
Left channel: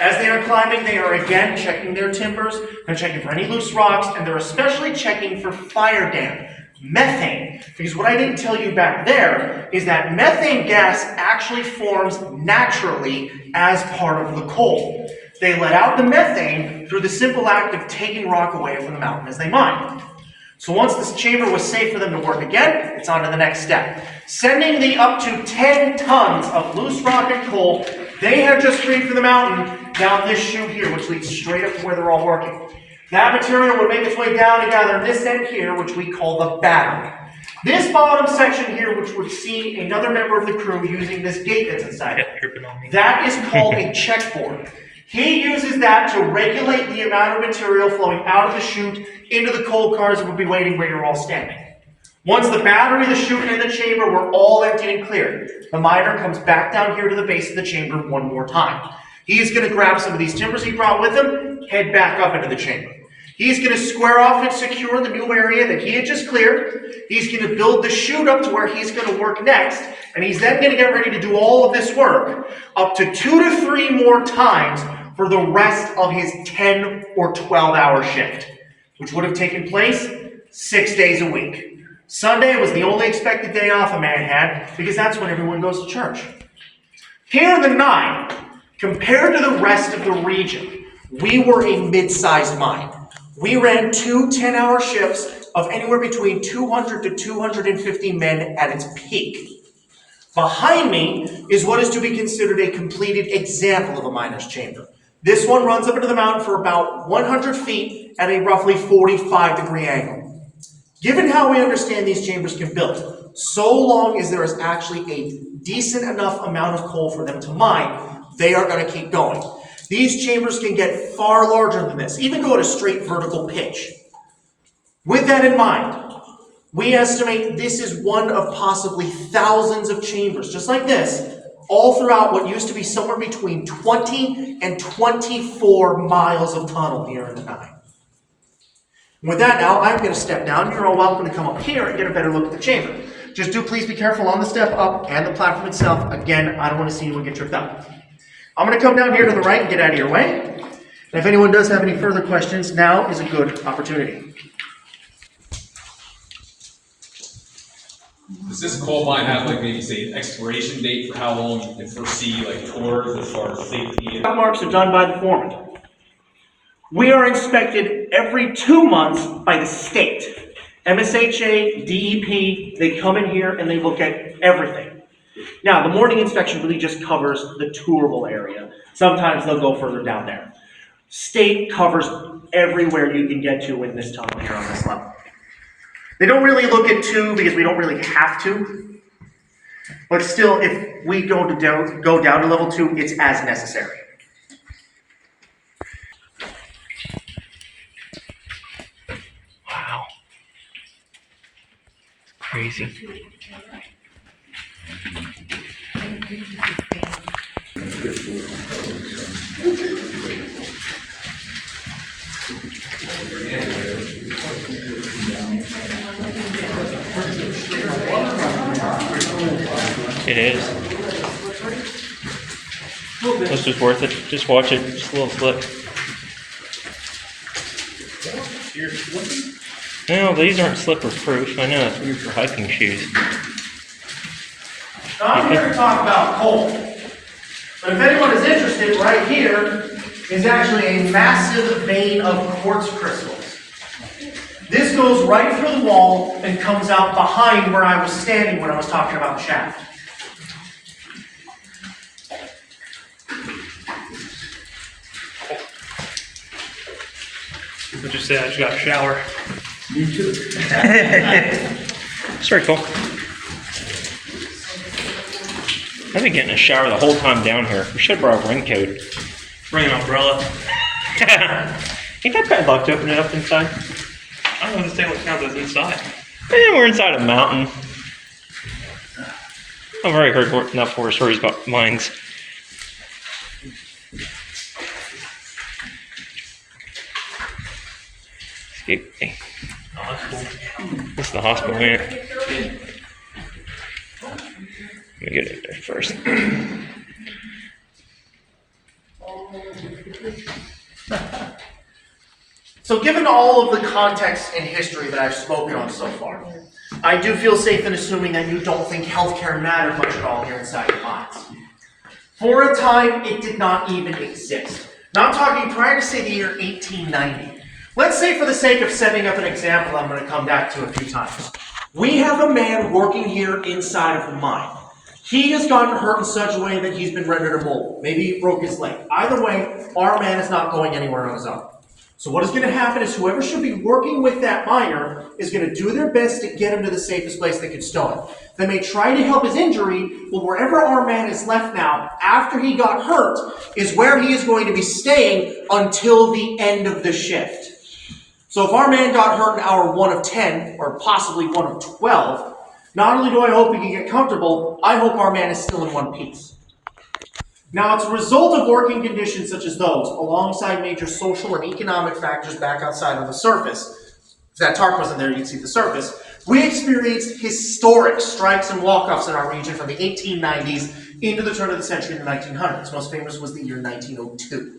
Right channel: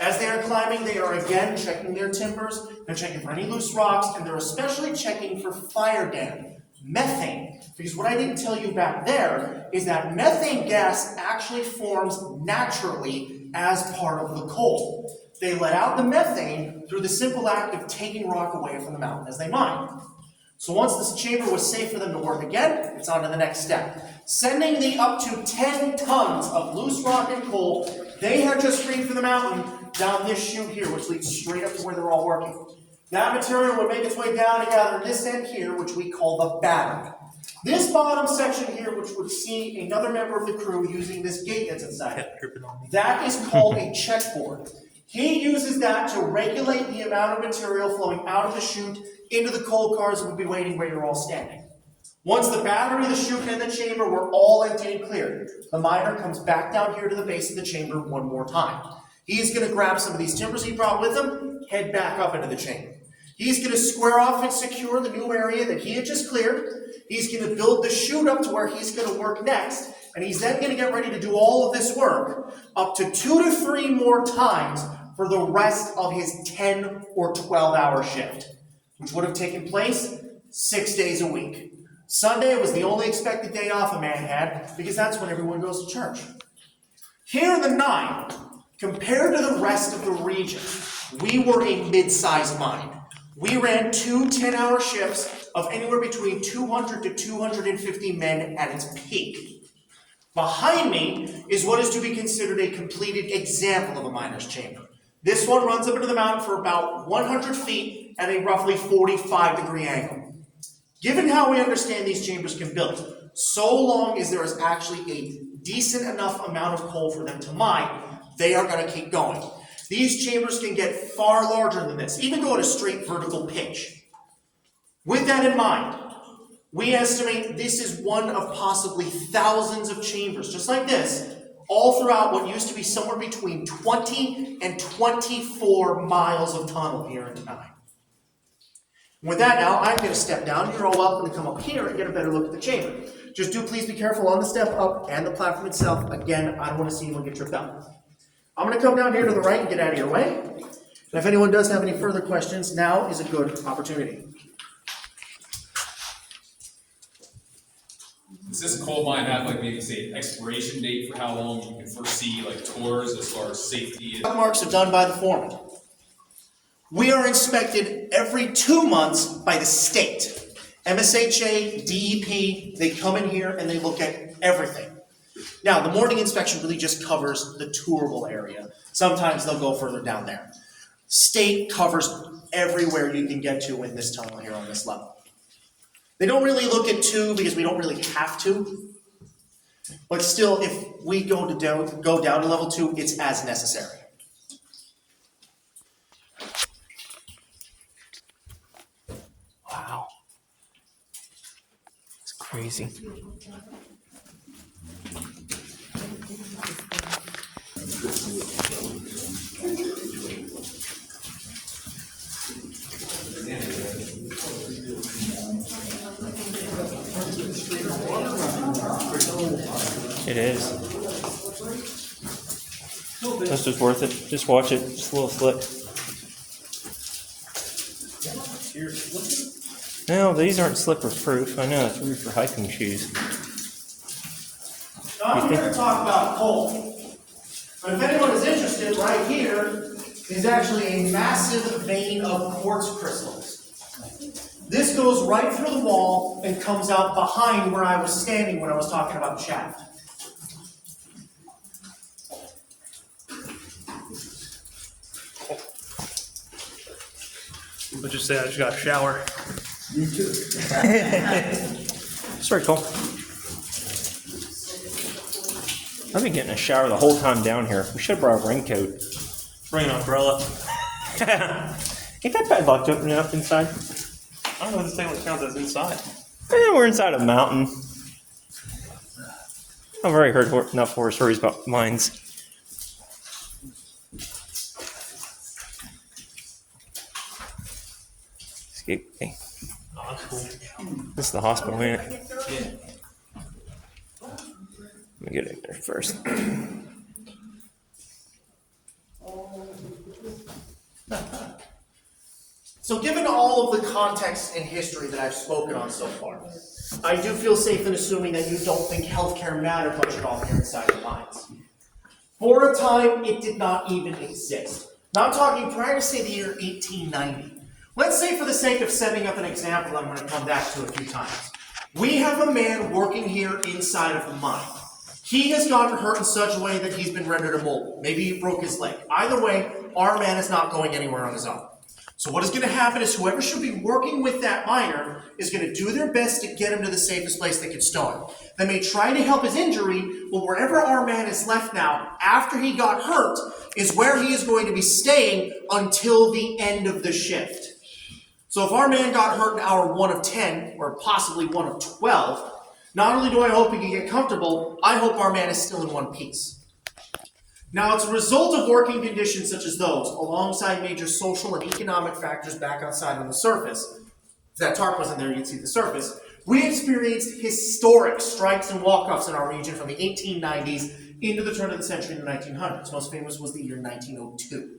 As they are climbing, they are again checking their timbers, they're checking for any loose rocks, and they're especially checking for fire damp, methane. Because what I didn't tell you back there is that methane gas actually forms naturally as part of the coal. They let out the methane through the simple act of taking rock away from the mountain as they mine. So once this chamber was safe for them to work again, it's on to the next step. Sending the up to 10 tons of loose rock and coal they had just freed from the mountain down this chute here, which leads straight up to where they're all working. That material would make its way down to gather this end here, which we call the battery. This bottom section here, which would see another member of the crew using this gate that's inside it, that is called a checkboard. He uses that to regulate the amount of material flowing out of the chute into the coal cars that would be waiting where you're all standing. Once the battery, the chute, and the chamber were all emptied and cleared, the miner comes back down here to the base of the chamber one more time. He's going to grab some of these timbers he brought with him, head back up into the chamber. He's going to square off and secure the new area that he had just cleared. He's going to build the chute up to where he's going to work next, and he's then going to get ready to do all of this work up to 2 to 3 more times for the rest of his 10 or 12-hour shift, which would have taken place 6 days a week. Sunday was the only expected day off a man had, because that's when everyone goes to church. Here in the 9, compared to the rest of the region, we were a mid-sized mine. We ran 2 10-hour shifts of anywhere between 200 to 250 men at its peak. Behind me is what is to be considered a completed example of a miner's chamber. This one runs up into the mountain for about 100 feet at a roughly 45-degree angle. Given how we understand these chambers can build, so long as there is actually a decent enough amount of coal for them to mine, they are going to keep going. These chambers can get far larger than this, even go at a straight vertical pitch. With that in mind, we estimate this is one of possibly thousands of chambers, just like this, all throughout what used to be somewhere between 20 and 24 miles of tunnel here in the 9. With that now, I'm going to step down. You're all welcome to come up here and get a better look at the chamber. Just do please be careful on the step up and the platform itself. Again, I don't want to see anyone get tripped up. I'm going to come down here to the right and get out of your way. And if anyone does have any further questions, now is a good opportunity. The Does this coal mine have like maybe say an expiration date for how long you can foresee like tours as far as safety and? Marks are done by the foreman. We are inspected every 2 months by the state. MSHA, DEP, they come in here and they look at everything. Now, the morning inspection really just covers the tourable area. Sometimes they'll go further down there. State covers everywhere you can get to in this tunnel here on this level. They don't really look at 2 because we don't really have to. But still, if we go down to level 2, it's as necessary. Wow. It's crazy. It is. That's just worth it. Just watch it. Just a little slip. No, these aren't slipper proof. I know it's weird for hiking shoes. Now, I'm here to talk about coal. But if anyone is interested, right here is actually a massive vein of quartz crystals. This goes right through the wall and comes out behind where I was standing when I was talking about the shaft. I'll just say I just got a shower. Me too. It's very cool. I've been getting a shower the whole time down here. We should have brought a raincoat. Bring an umbrella. Ain't that bad luck to open it up inside? I don't understand what counts as inside. We're inside a mountain. I've already heard enough horror stories about mines. Excuse me. Oh, that's cool. This is the hospital, ain't it? Let me get it there first. So given all of the context and history that I've spoken on so far, I do feel safe in assuming that you don't think healthcare mattered much at all here inside the mines. For a time, it did not even exist. Now I'm talking prior to, say, the year 1890. Let's say for the sake of setting up an example I'm going to come back to a few times. We have a man working here inside of the mine. He has gotten hurt in such a way that he's been rendered immobile. Maybe he broke his leg. Either way, our man is not going anywhere on his own. So what is going to happen is whoever should be working with that miner is going to do their best to get him to the safest place they can stow him. They may try to help his injury, but wherever our man is left now, after he got hurt, is where he is going to be staying until the end of the shift. So if our man got hurt in hour 1 of 10, or possibly 1 of 12, not only do I hope he can get comfortable, I hope our man is still in one piece. Now, it's a result of working conditions such as those, alongside major social and economic factors back outside on the surface. If that tarp wasn't there, you'd see the surface. We experienced historic strikes and walk-offs in our region from the 1890s into the turn of the century in the 1900s. Most famous was the year 1902.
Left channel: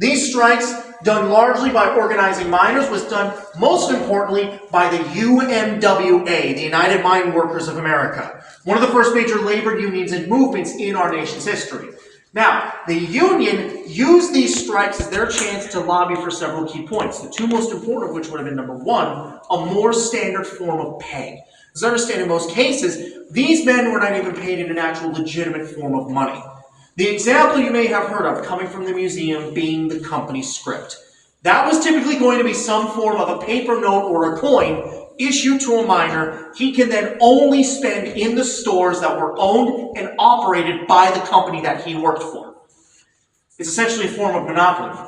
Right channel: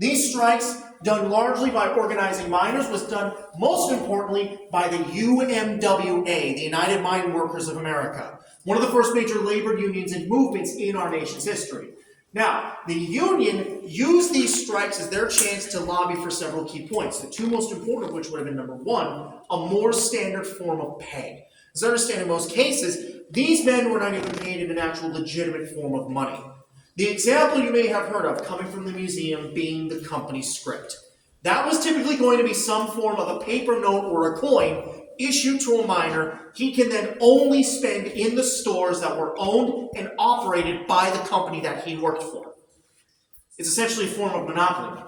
These strikes, done largely by organizing miners, was done most importantly by the UMWA, the United Mine Workers of America, one of the first major labor unions and movements in our nation's history. Now, the union used these strikes as their chance to lobby for several key points, the 2 most important of which would have been number 1, a more standard form of pay. As I understand in most cases, these men were not even paid in an actual legitimate form of money. The example you may have heard of coming from the museum being the company script. That was typically going to be some form of a paper note or a coin issued to a miner he can then only spend in the stores that were owned and operated by the company that he worked for. It's essentially a form of monopoly.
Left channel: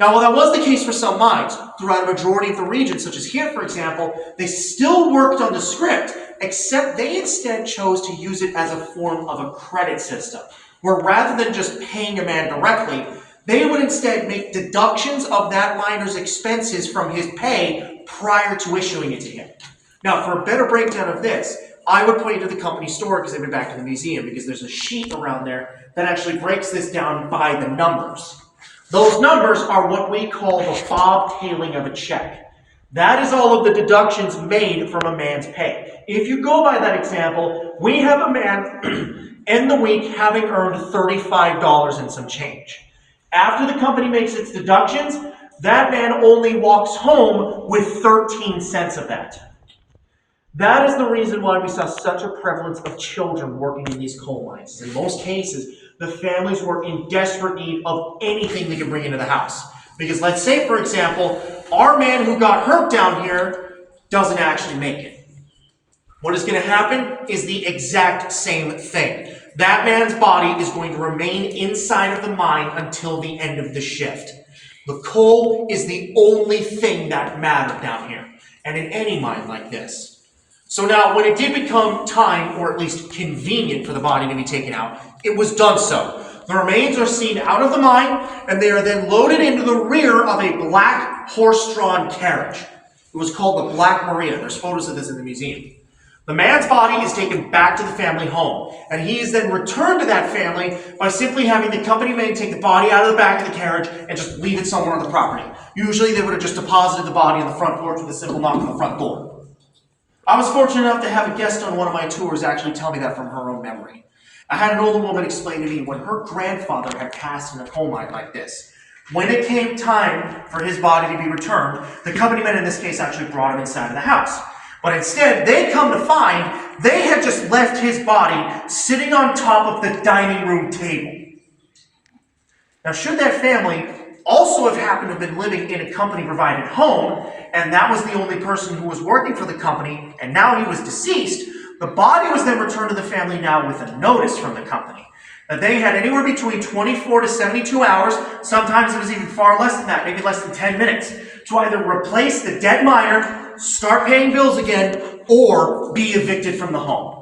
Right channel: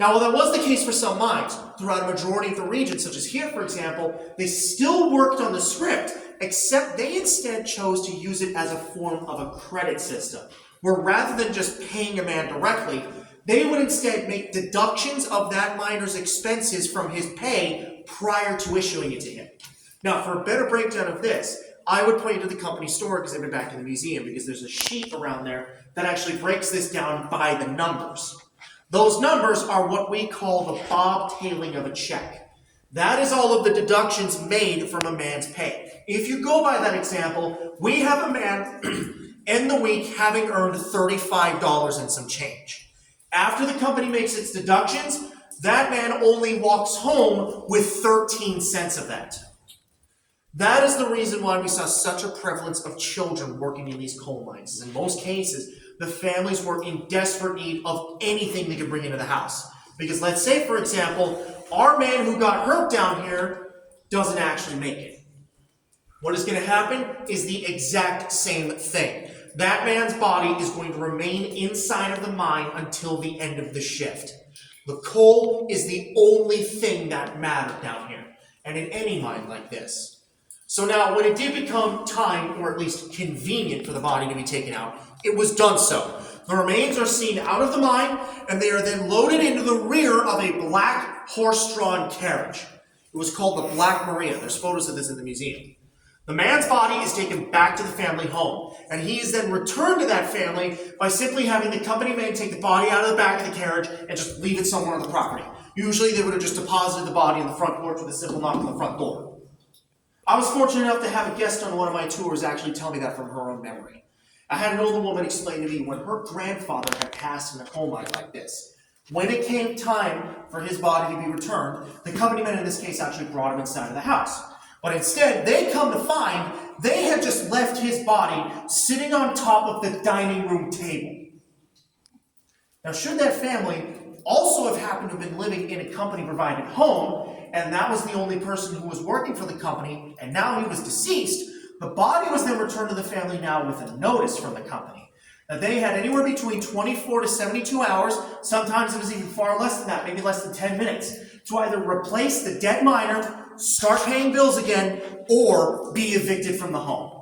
Now, while that was the case for some mines, throughout a majority of the region, such as here, for example, they still worked on the script, except they instead chose to use it as a form of a credit system, where rather than just paying a man directly, they would instead make deductions of that miner's expenses from his pay prior to issuing it to him. Now, for a better breakdown of this, I would point you to the company store because they've been back to the museum, because there's a sheet around there that actually breaks this down by the numbers. Those numbers are what we call the bobtailing of a check. That is all of the deductions made from a man's pay. If you go by that example, we have a man in the week having earned $35 and some change. After the company makes its deductions, that man only walks home with 13 cents of that. That is the reason why we saw such a prevalence of children working in these coal mines. In most cases, the families were in desperate need of anything they could bring into the house. Because let's say, for example, our man who got hurt down here doesn't actually make it. What is going to happen is the exact same thing. That man's body is going to remain inside of the mine until the end of the shift. The coal is the only thing that mattered down here, and in any mine like this. So now, when it did become time, or at least convenient for the body to be taken out, it was done so. The remains are seen out of the mine, and they are then loaded into the rear of a black horse-drawn carriage. It was called the Black Maria. There's photos of this in the museum. The man's body is taken back to the family home, and he is then returned to that family by simply having the company man take the body out of the back of the carriage and just leave it somewhere on the property. Usually they would have just deposited the body on the front porch with a simple knock on the front door. I was fortunate enough to have a guest on one of my tours actually tell me that from her own memory. I had an older woman explain to me when her grandfather had passed in a coal mine like this. When it came time for his body to be returned, the company men in this case actually brought him inside of the house. But instead, they come to find they had just left his body sitting on top of the dining room table. Now, should that family also have happened to have been living in a company-provided home, and that was the only person who was working for the company, and now he was deceased, the body was then returned to the family now with a notice from the company. That they had anywhere between 24 to 72 hours, sometimes it was even far less than that, maybe less than 10 minutes, to either replace the dead miner, start paying bills again, or be evicted from the home.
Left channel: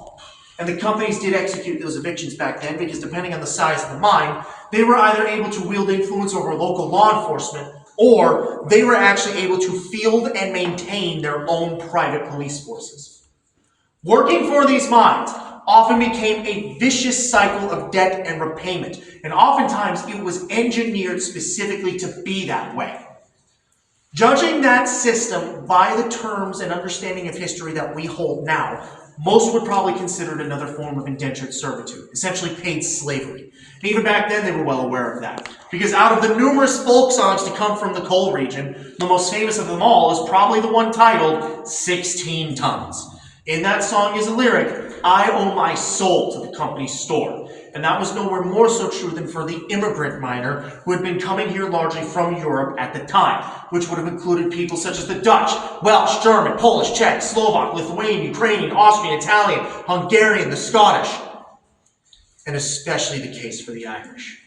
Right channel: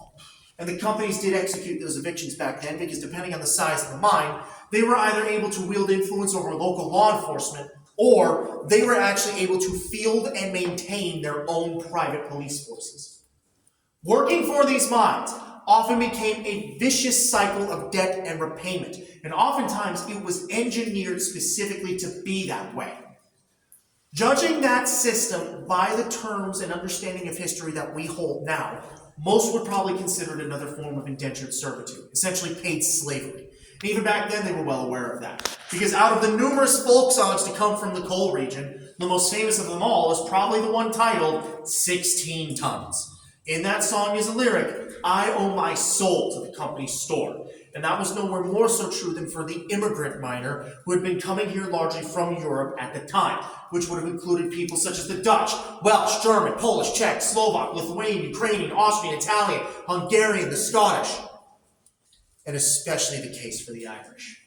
And the companies did execute those evictions back then because depending on the size of the mine, they were either able to wield influence over local law enforcement, or they were actually able to field and maintain their own private police forces. Working for these mines often became a vicious cycle of debt and repayment, and oftentimes it was engineered specifically to be that way. Judging that system by the terms and understanding of history that we hold now, most would probably consider it another form of indentured servitude, essentially paid slavery. And even back then, they were well aware of that. Because out of the numerous folk songs to come from the coal region, the most famous of them all is probably the one titled 16 Tons. In that song is a lyric, I owe my soul to the company's store. And that was nowhere more so true than for the immigrant miner who had been coming here largely from Europe at the time, which would have included people such as the Dutch, Welsh, German, Polish, Czech, Slovak, Lithuanian, Ukrainian, Austrian, Italian, Hungarian, the Scottish, and especially the case for the Irish.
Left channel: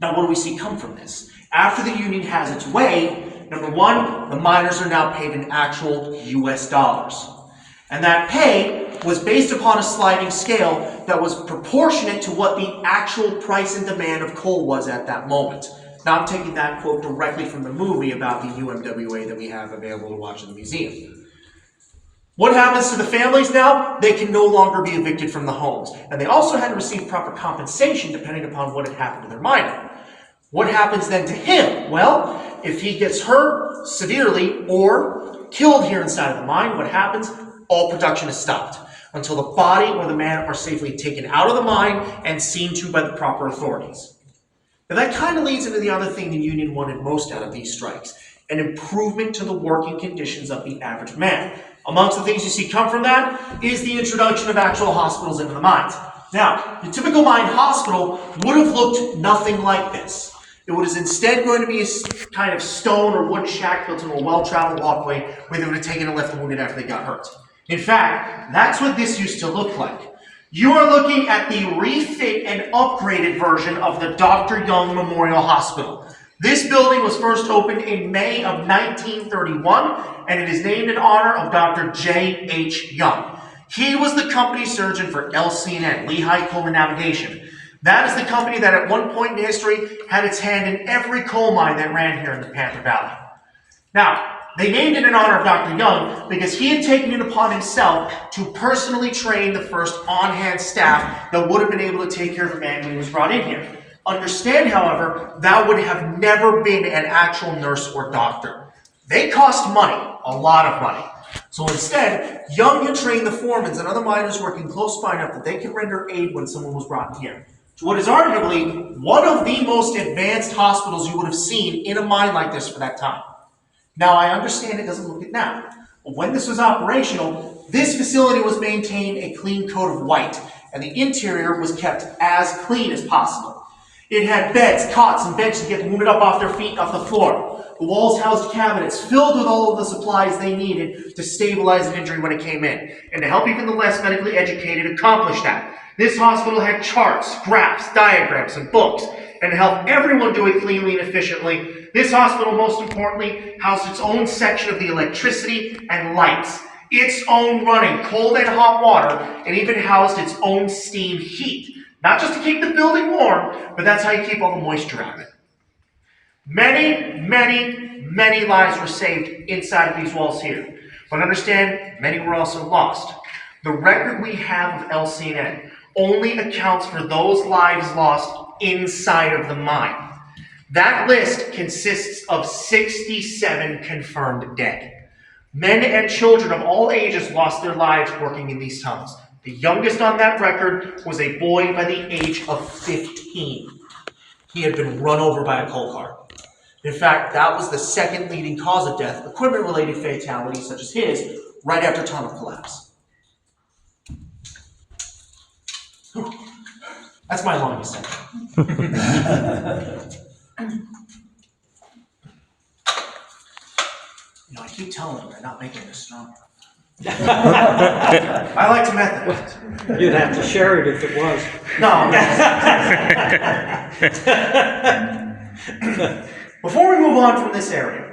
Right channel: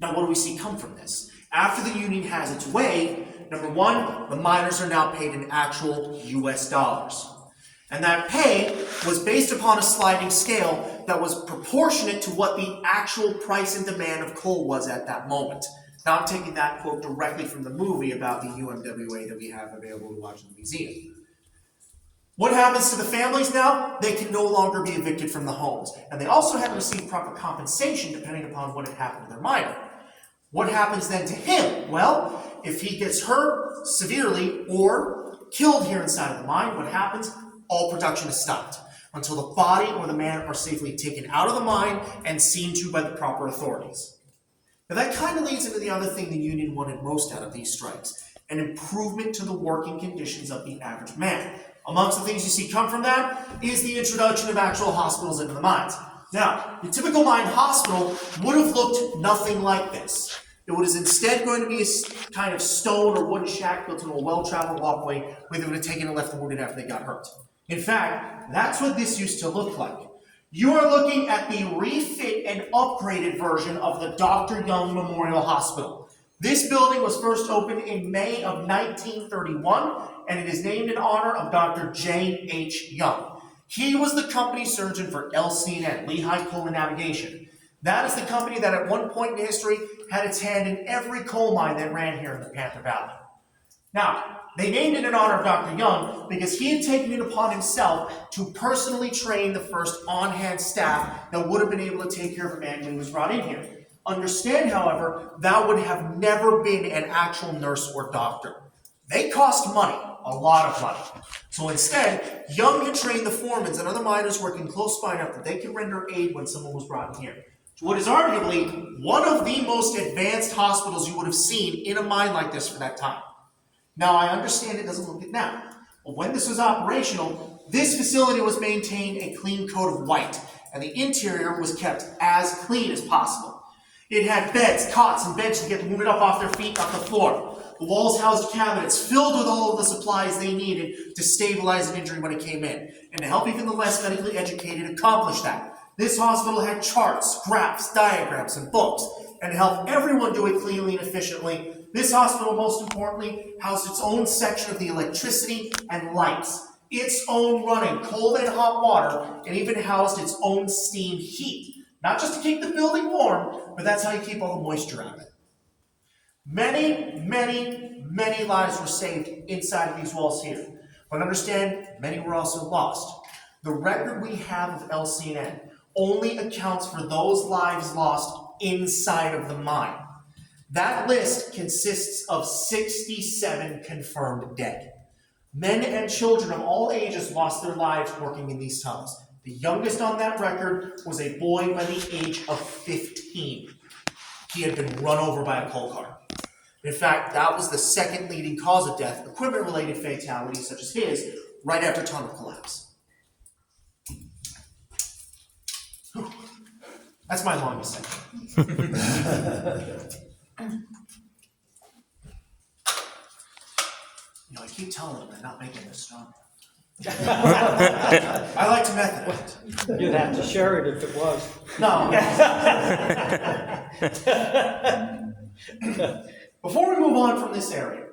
Now, what do we see come from this? After the Union has its way, number one, the miners are now paid in actual US dollars. And that pay was based upon a sliding scale that was proportionate to what the actual price and demand of coal was at that moment. Now I'm taking that quote directly from the movie about the UMWA that we have available to watch in the museum. What happens to the families now? They can no longer be evicted from the homes. And they also had to receive proper compensation depending upon what had happened to their miner. What happens then to him? Well, if he gets hurt severely or killed here inside of the mine, what happens? All production is stopped until the body or the man are safely taken out of the mine and seen to by the proper authorities. Now that kind of leads into the other thing the union wanted most out of these strikes, an improvement to the working conditions of the average man. Amongst the things you see come from that is the introduction of actual hospitals into the mines. Now, the typical mine hospital would have looked nothing like this. It was instead going to be a kind of stone or wooden shack built into a well-traveled walkway where they would have taken and left the wounded after they got hurt. In fact, that's what this used to look like. You are looking at the refit and upgraded version of the Dr. Young Memorial Hospital. This building was first opened in May of 1931, and it is named in honor of Dr. J.H. Young. He was the company surgeon for LC&N, Lehigh Coal Navigation. That is the company that at one point in history had its hand in every coal mine that ran here in the Panther Valley. Now, they named it in honor of Dr. Young because he had taken it upon himself to personally train the first on-hand staff that would have been able to take care of a man when he was brought in here. Understand, however, that would have never been an actual nurse or doctor. They cost money, a lot of money. So instead, Young had trained the foremans and other miners working close by enough that they could render aid when someone was brought in here. To what is arguably one of the most advanced hospitals you would have seen in a mine like this for that time. Now, I understand it doesn't look it now, but when this was operational, this facility was maintained a clean coat of white, and the interior was kept as clean as possible. It had beds, cots, and benches to get the wounded up off their feet and off the floor. The walls housed cabinets filled with all of the supplies they needed to stabilize an injury when it came in, and to help even the less medically educated accomplish that. This hospital had charts, graphs, diagrams, and books, and to help everyone do it cleanly and efficiently, this hospital, most importantly, housed its own section of the electricity and lights, its own running cold and hot water, and even housed its own steam heat. Not just to keep the building warm, but that's how you keep all the moisture out of it. Many, many, many lives were saved inside of these walls here. But understand, many were also lost. The record we have of LCN only accounts for those lives lost inside of the mine. That list consists of 67 confirmed dead. Men and children of all ages lost their lives working in these tunnels. The youngest on that record was a boy by the age of 15. He had been run over by a coal car. In fact, that was the second leading cause of death, equipment-related fatalities such as his, right after tunnel collapse. Whew. That's my longest section. I keep telling them they're not making this stronger. I like to method it. You'd have to share it if it was. No. Before we move on from this area,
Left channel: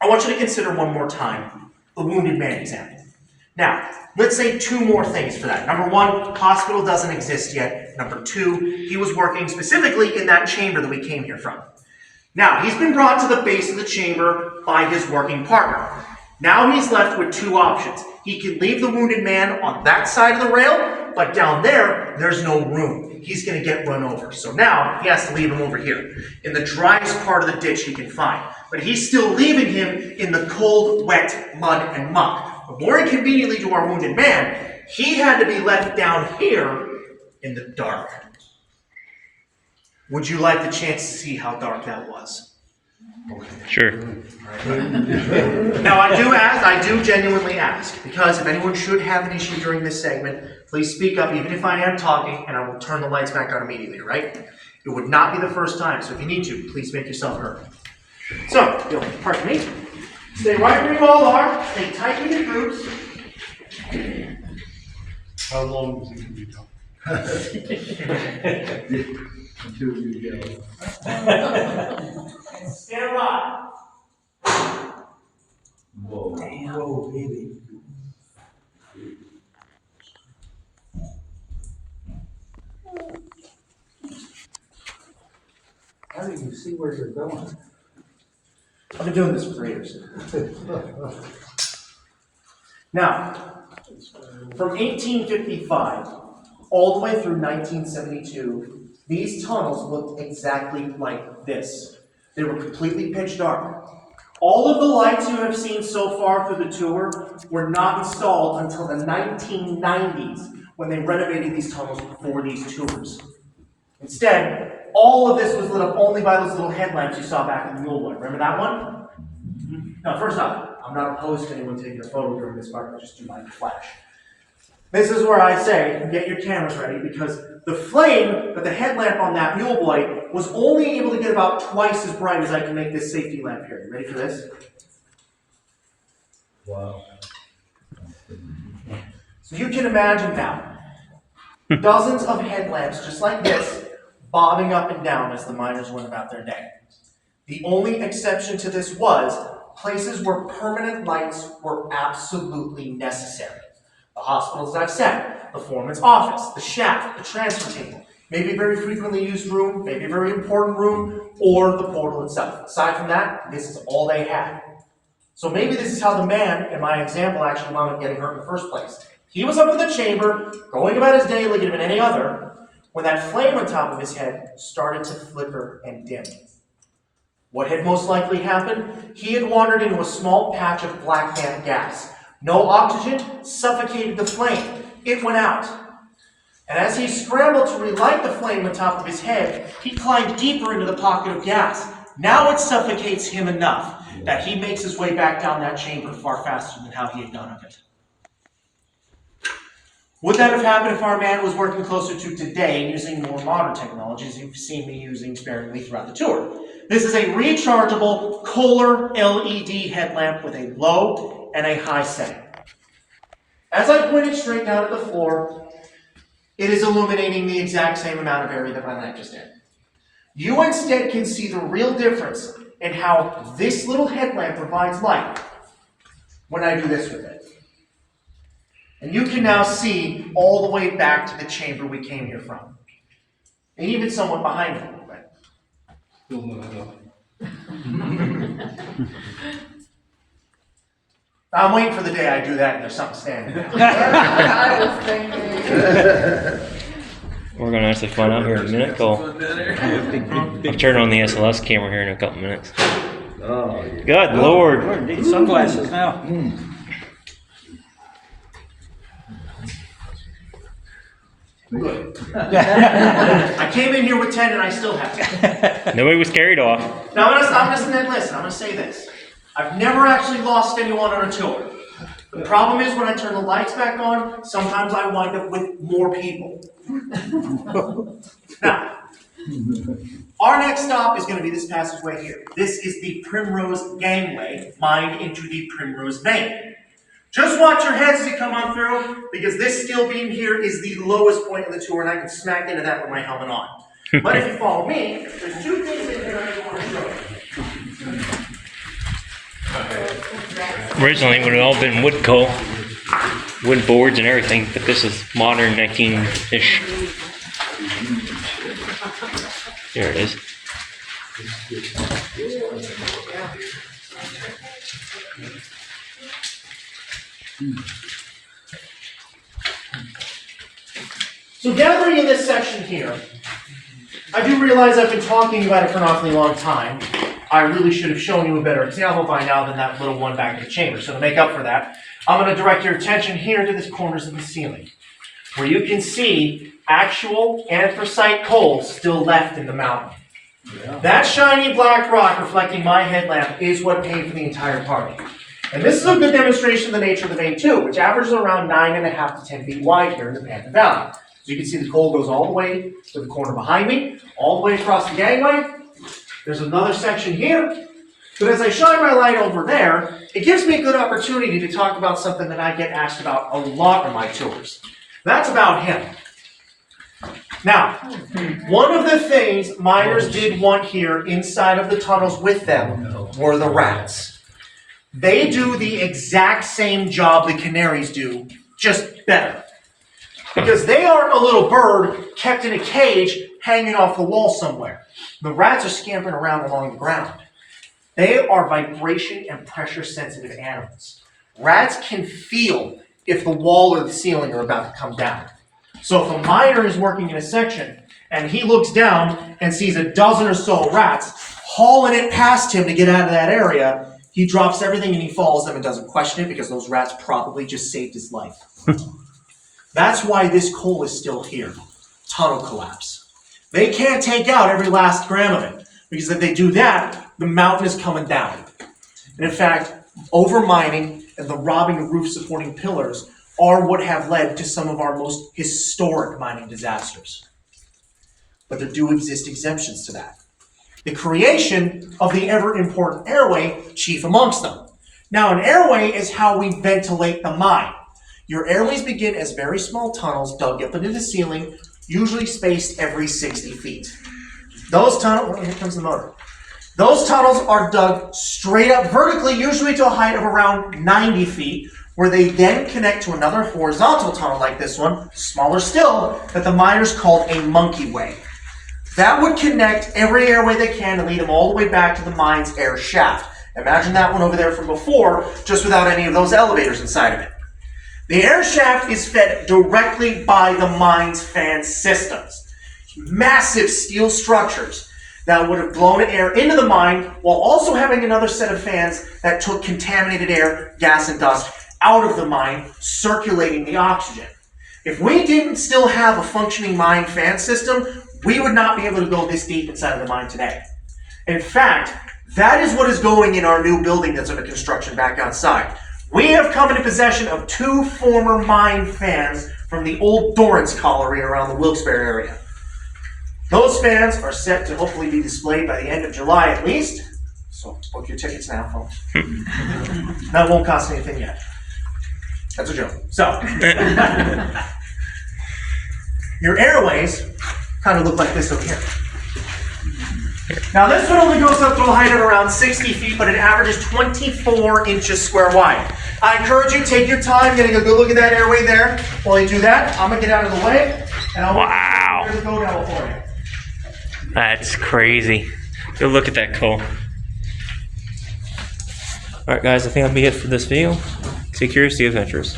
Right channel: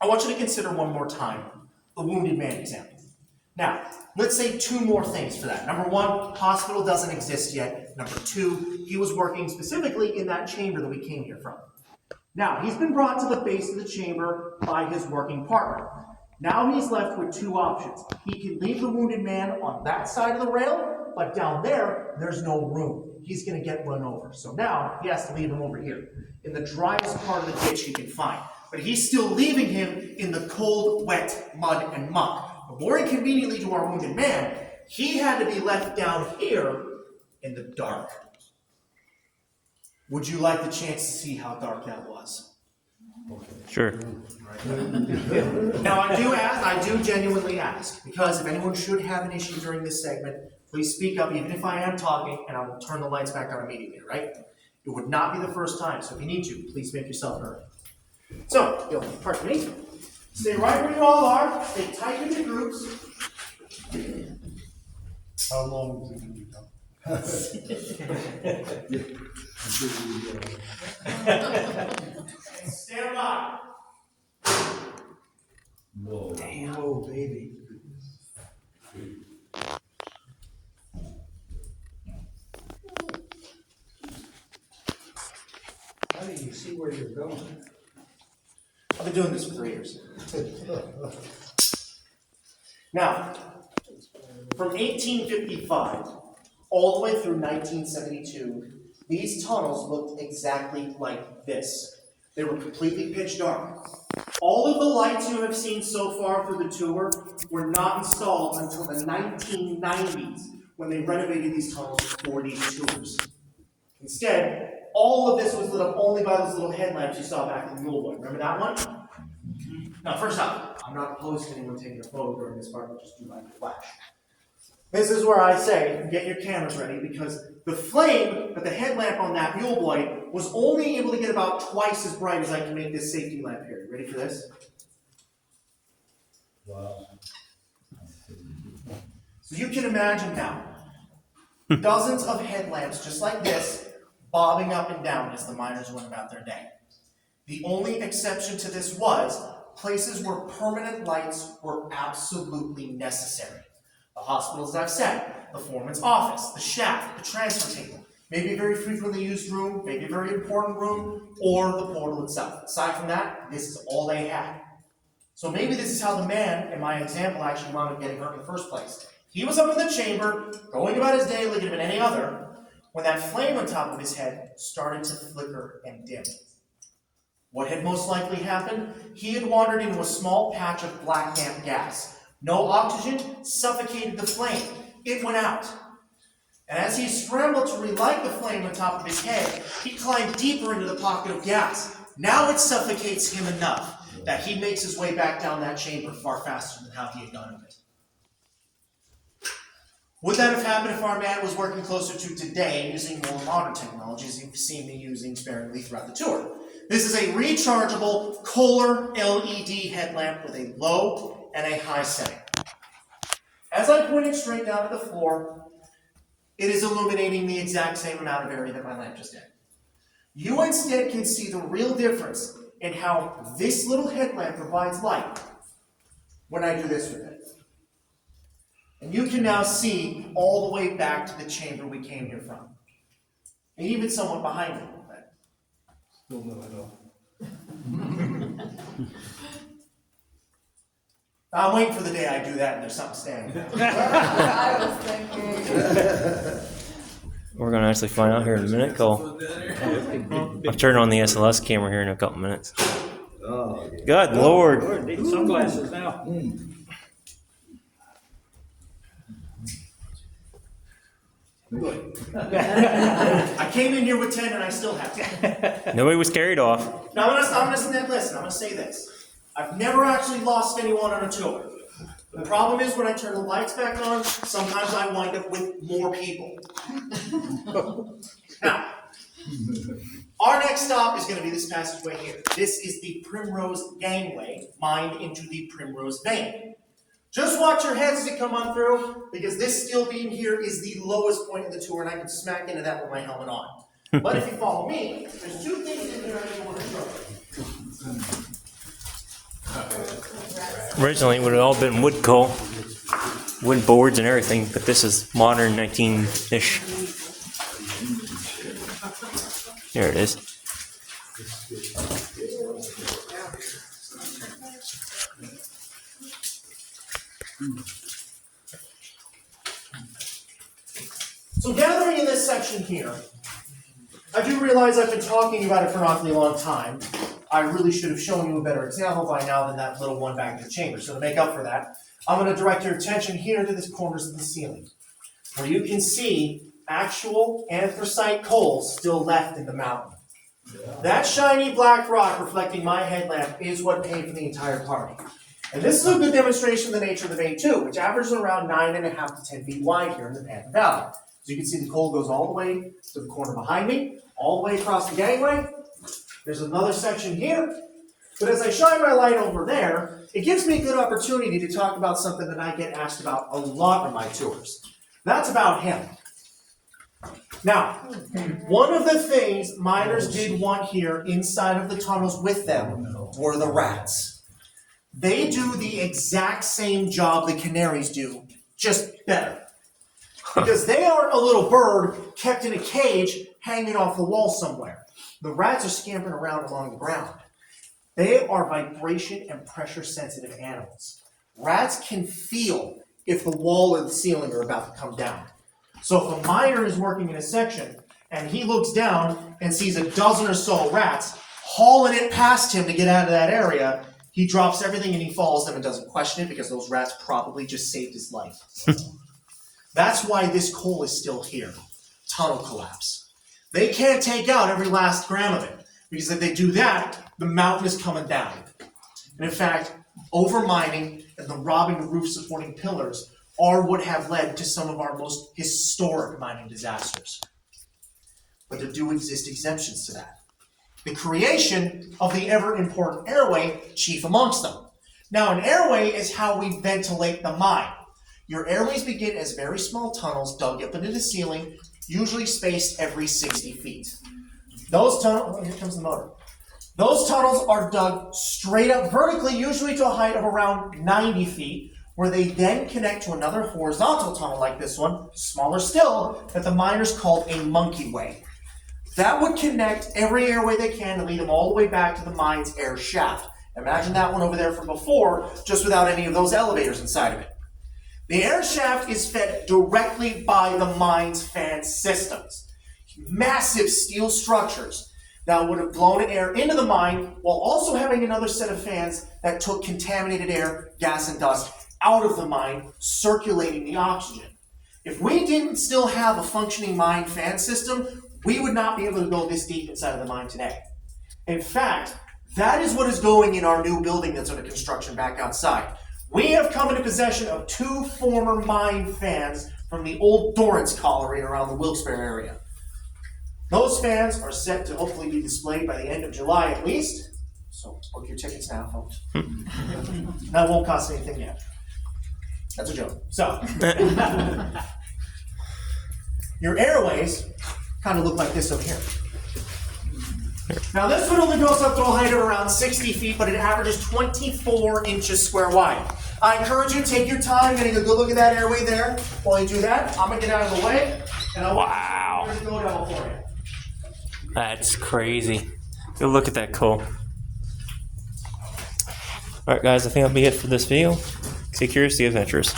I want you to consider one more time the wounded man example. Now, let's say two more things for that. Number one, hospital doesn't exist yet. Number two, he was working specifically in that chamber that we came here from. Now, he's been brought to the base of the chamber by his working partner. Now he's left with two options. He can leave the wounded man on that side of the rail, but down there, there's no room. He's going to get run over. So now he has to leave him over here, in the driest part of the ditch he can find. But he's still leaving him in the cold, wet mud and muck. But more inconveniently to our wounded man, he had to be left down here in the dark. Would you like the chance to see how dark that was? Sure. Now I do genuinely ask, because if anyone should have an issue during this segment, please speak up even if I am talking, and I will turn the lights back on immediately, all right? It would not be the first time, so if you need to, please make yourself heard. So, pardon me. Stay right where you all are, stay tight with your groups. How long is it going to be done? Stand by. Whoa. Whoa, baby. How do you see where you're going? I've been doing this for 3 years. Now, from 1855 all the way through 1972, these tunnels looked exactly like this. They were completely pitch dark. All of the lights you have seen so far through the tour were not installed until the 1990s when they renovated these tunnels for these tours. Instead, all of this was lit up only by those little headlamps you saw back in the Muleboy. Remember that one? Now, first off, I'm not opposed to anyone taking a photo during this part, but just do mind the flash. This is where I say, get your cameras ready, because the flame that the headlamp on that Muleboy was only able to get about twice as bright as I can make this safety lamp here. You ready for this? Wow. So you can imagine now, dozens of headlamps just like this, bobbing up and down as the miners went about their day. The only exception to this was places where permanent lights were absolutely necessary. The hospitals, as I've said, the foreman's office, the shaft, the transfer table, maybe a very frequently used room, maybe a very important room, or the portal itself. Aside from that, this is all they had. So maybe this is how the man in my example actually wound up getting hurt in the first place. He was up in the chamber, going about his day like it had been any other, when that flame on top of his head started to flicker and dim. What had most likely happened? He had wandered into a small patch of black damp gas. No oxygen, suffocated the flame. It went out. And as he scrambled to relight the flame on top of his head, he climbed deeper into the pocket of gas. Now it suffocates him enough that he makes his way back down that chamber far faster than how he had done of it. Would that have happened if our man was working closer to today using more modern technologies you've seen me using sparingly throughout the tour? This is a rechargeable Kohler LED headlamp with a low and a high setting. As I pointed straight down at the floor, it is illuminating the exact same amount of area that my lamp just did. You instead can see the real difference in how this little headlamp provides light when I do this with it. And you can now see all the way back to the chamber we came here from. And even somewhat behind me a little bit. I'm waiting for the day I do that and there's something standing there. I was thinking. We're gonna actually find out here in a minute. I've turned on the SLS camera here in a couple minutes. Oh, Good Lord. Lord, need sunglasses now. Good. I came in here with 10 and I still have 10. Nobody was carried off. Now I'm gonna say this. I've never actually lost anyone on a tour. The problem is when I turn the lights back on, sometimes I wind up with more people. Now, our next stop is going to be this passageway here. This is the Primrose Gangway, mined into the Primrose Vein. Just watch your heads as you come on through, because this steel beam here is the lowest point in the tour, and I can smack into that with my helmet on. But if you follow me, there's two things in here I do want to show you. Originally, it would have all been wood coal, wood boards and everything, but this is modern 19-ish. There it is. So gathering in this section here, I do realize I've been talking about it for an awfully long time. I really should have shown you a better example by now than that little one back in the chamber. So to make up for that, I'm going to direct your attention here to the corners of the ceiling, where you can see actual anthracite coal still left in the mountain. Yeah. That shiny black rock reflecting my headlamp is what paid for the entire party. And this is a good demonstration of the nature of the vein too, which averages around 9.5 to 10 feet wide here in the Panther Valley. So you can see the coal goes all the way to the corner behind me, all the way across the gangway. There's another section here, but as I shine my light over there, it gives me a good opportunity to talk about something that I get asked about a lot on my tours. That's about him. Now, one of the things miners did want here inside of the tunnels with them were the rats. They do the exact same job the canaries do, just better. Because they aren't a little bird kept in a cage hanging off the wall somewhere. The rats are scampering around along the ground. They are vibration and pressure sensitive animals. Rats can feel if the wall or the ceiling are about to come down. So if a miner is working in a section and he looks down and sees a dozen or so rats hauling it past him to get out of that area, he drops everything and he follows them and doesn't question it because those rats probably just saved his life. That's why this coal is still here. Tunnel collapse. They can't take out every last gram of it, because if they do that, the mountain is coming down. And in fact, over-mining and the robbing of roof-supporting pillars are what have led to some of our most historic mining disasters. But there do exist exemptions to that. The creation of the ever-important airway, chief amongst them. Now, an airway is how we ventilate the mine. Your airways begin as very small tunnels dug up into the ceiling, usually spaced every 60 feet. Those tunnels, here comes the motor. Those tunnels are dug straight up vertically, usually to a height of around 90 feet, where they then connect to another horizontal tunnel like this one, smaller still, that the miners called a monkey way. That would connect every airway they can and lead them all the way back to the mine's air shaft. Imagine that one over there from before, just without any of those elevators inside of it. The air shaft is fed directly by the mine's fan systems. Massive steel structures that would have blown air into the mine while also having another set of fans that took contaminated air, gas, and dust out of the mine, circulating the oxygen. If we didn't still have a functioning mine fan system, we would not be able to go this deep inside of the mine today. In fact, that is what is going in our new building that's under construction back outside. We have come into possession of 2 former mine fans from the old Dorrance colliery around the Wilkes-Barre area. Those fans are set to hopefully be displayed by the end of July at least. So book your tickets now, folks. That won't cost anything yet. That's a joke. So, your airways kind of look like this over here. Now this one only goes up to a height of around 60 feet, but it averages 24 inches square wide. I encourage you, take your time getting a good look at that airway there. While you do that, I'm gonna get out of the way, and I'll Wow. the go down for you. That's crazy. Go look at that, Cole. Alright guys, I think that'll be it for this video. Stay curious, stay adventurous.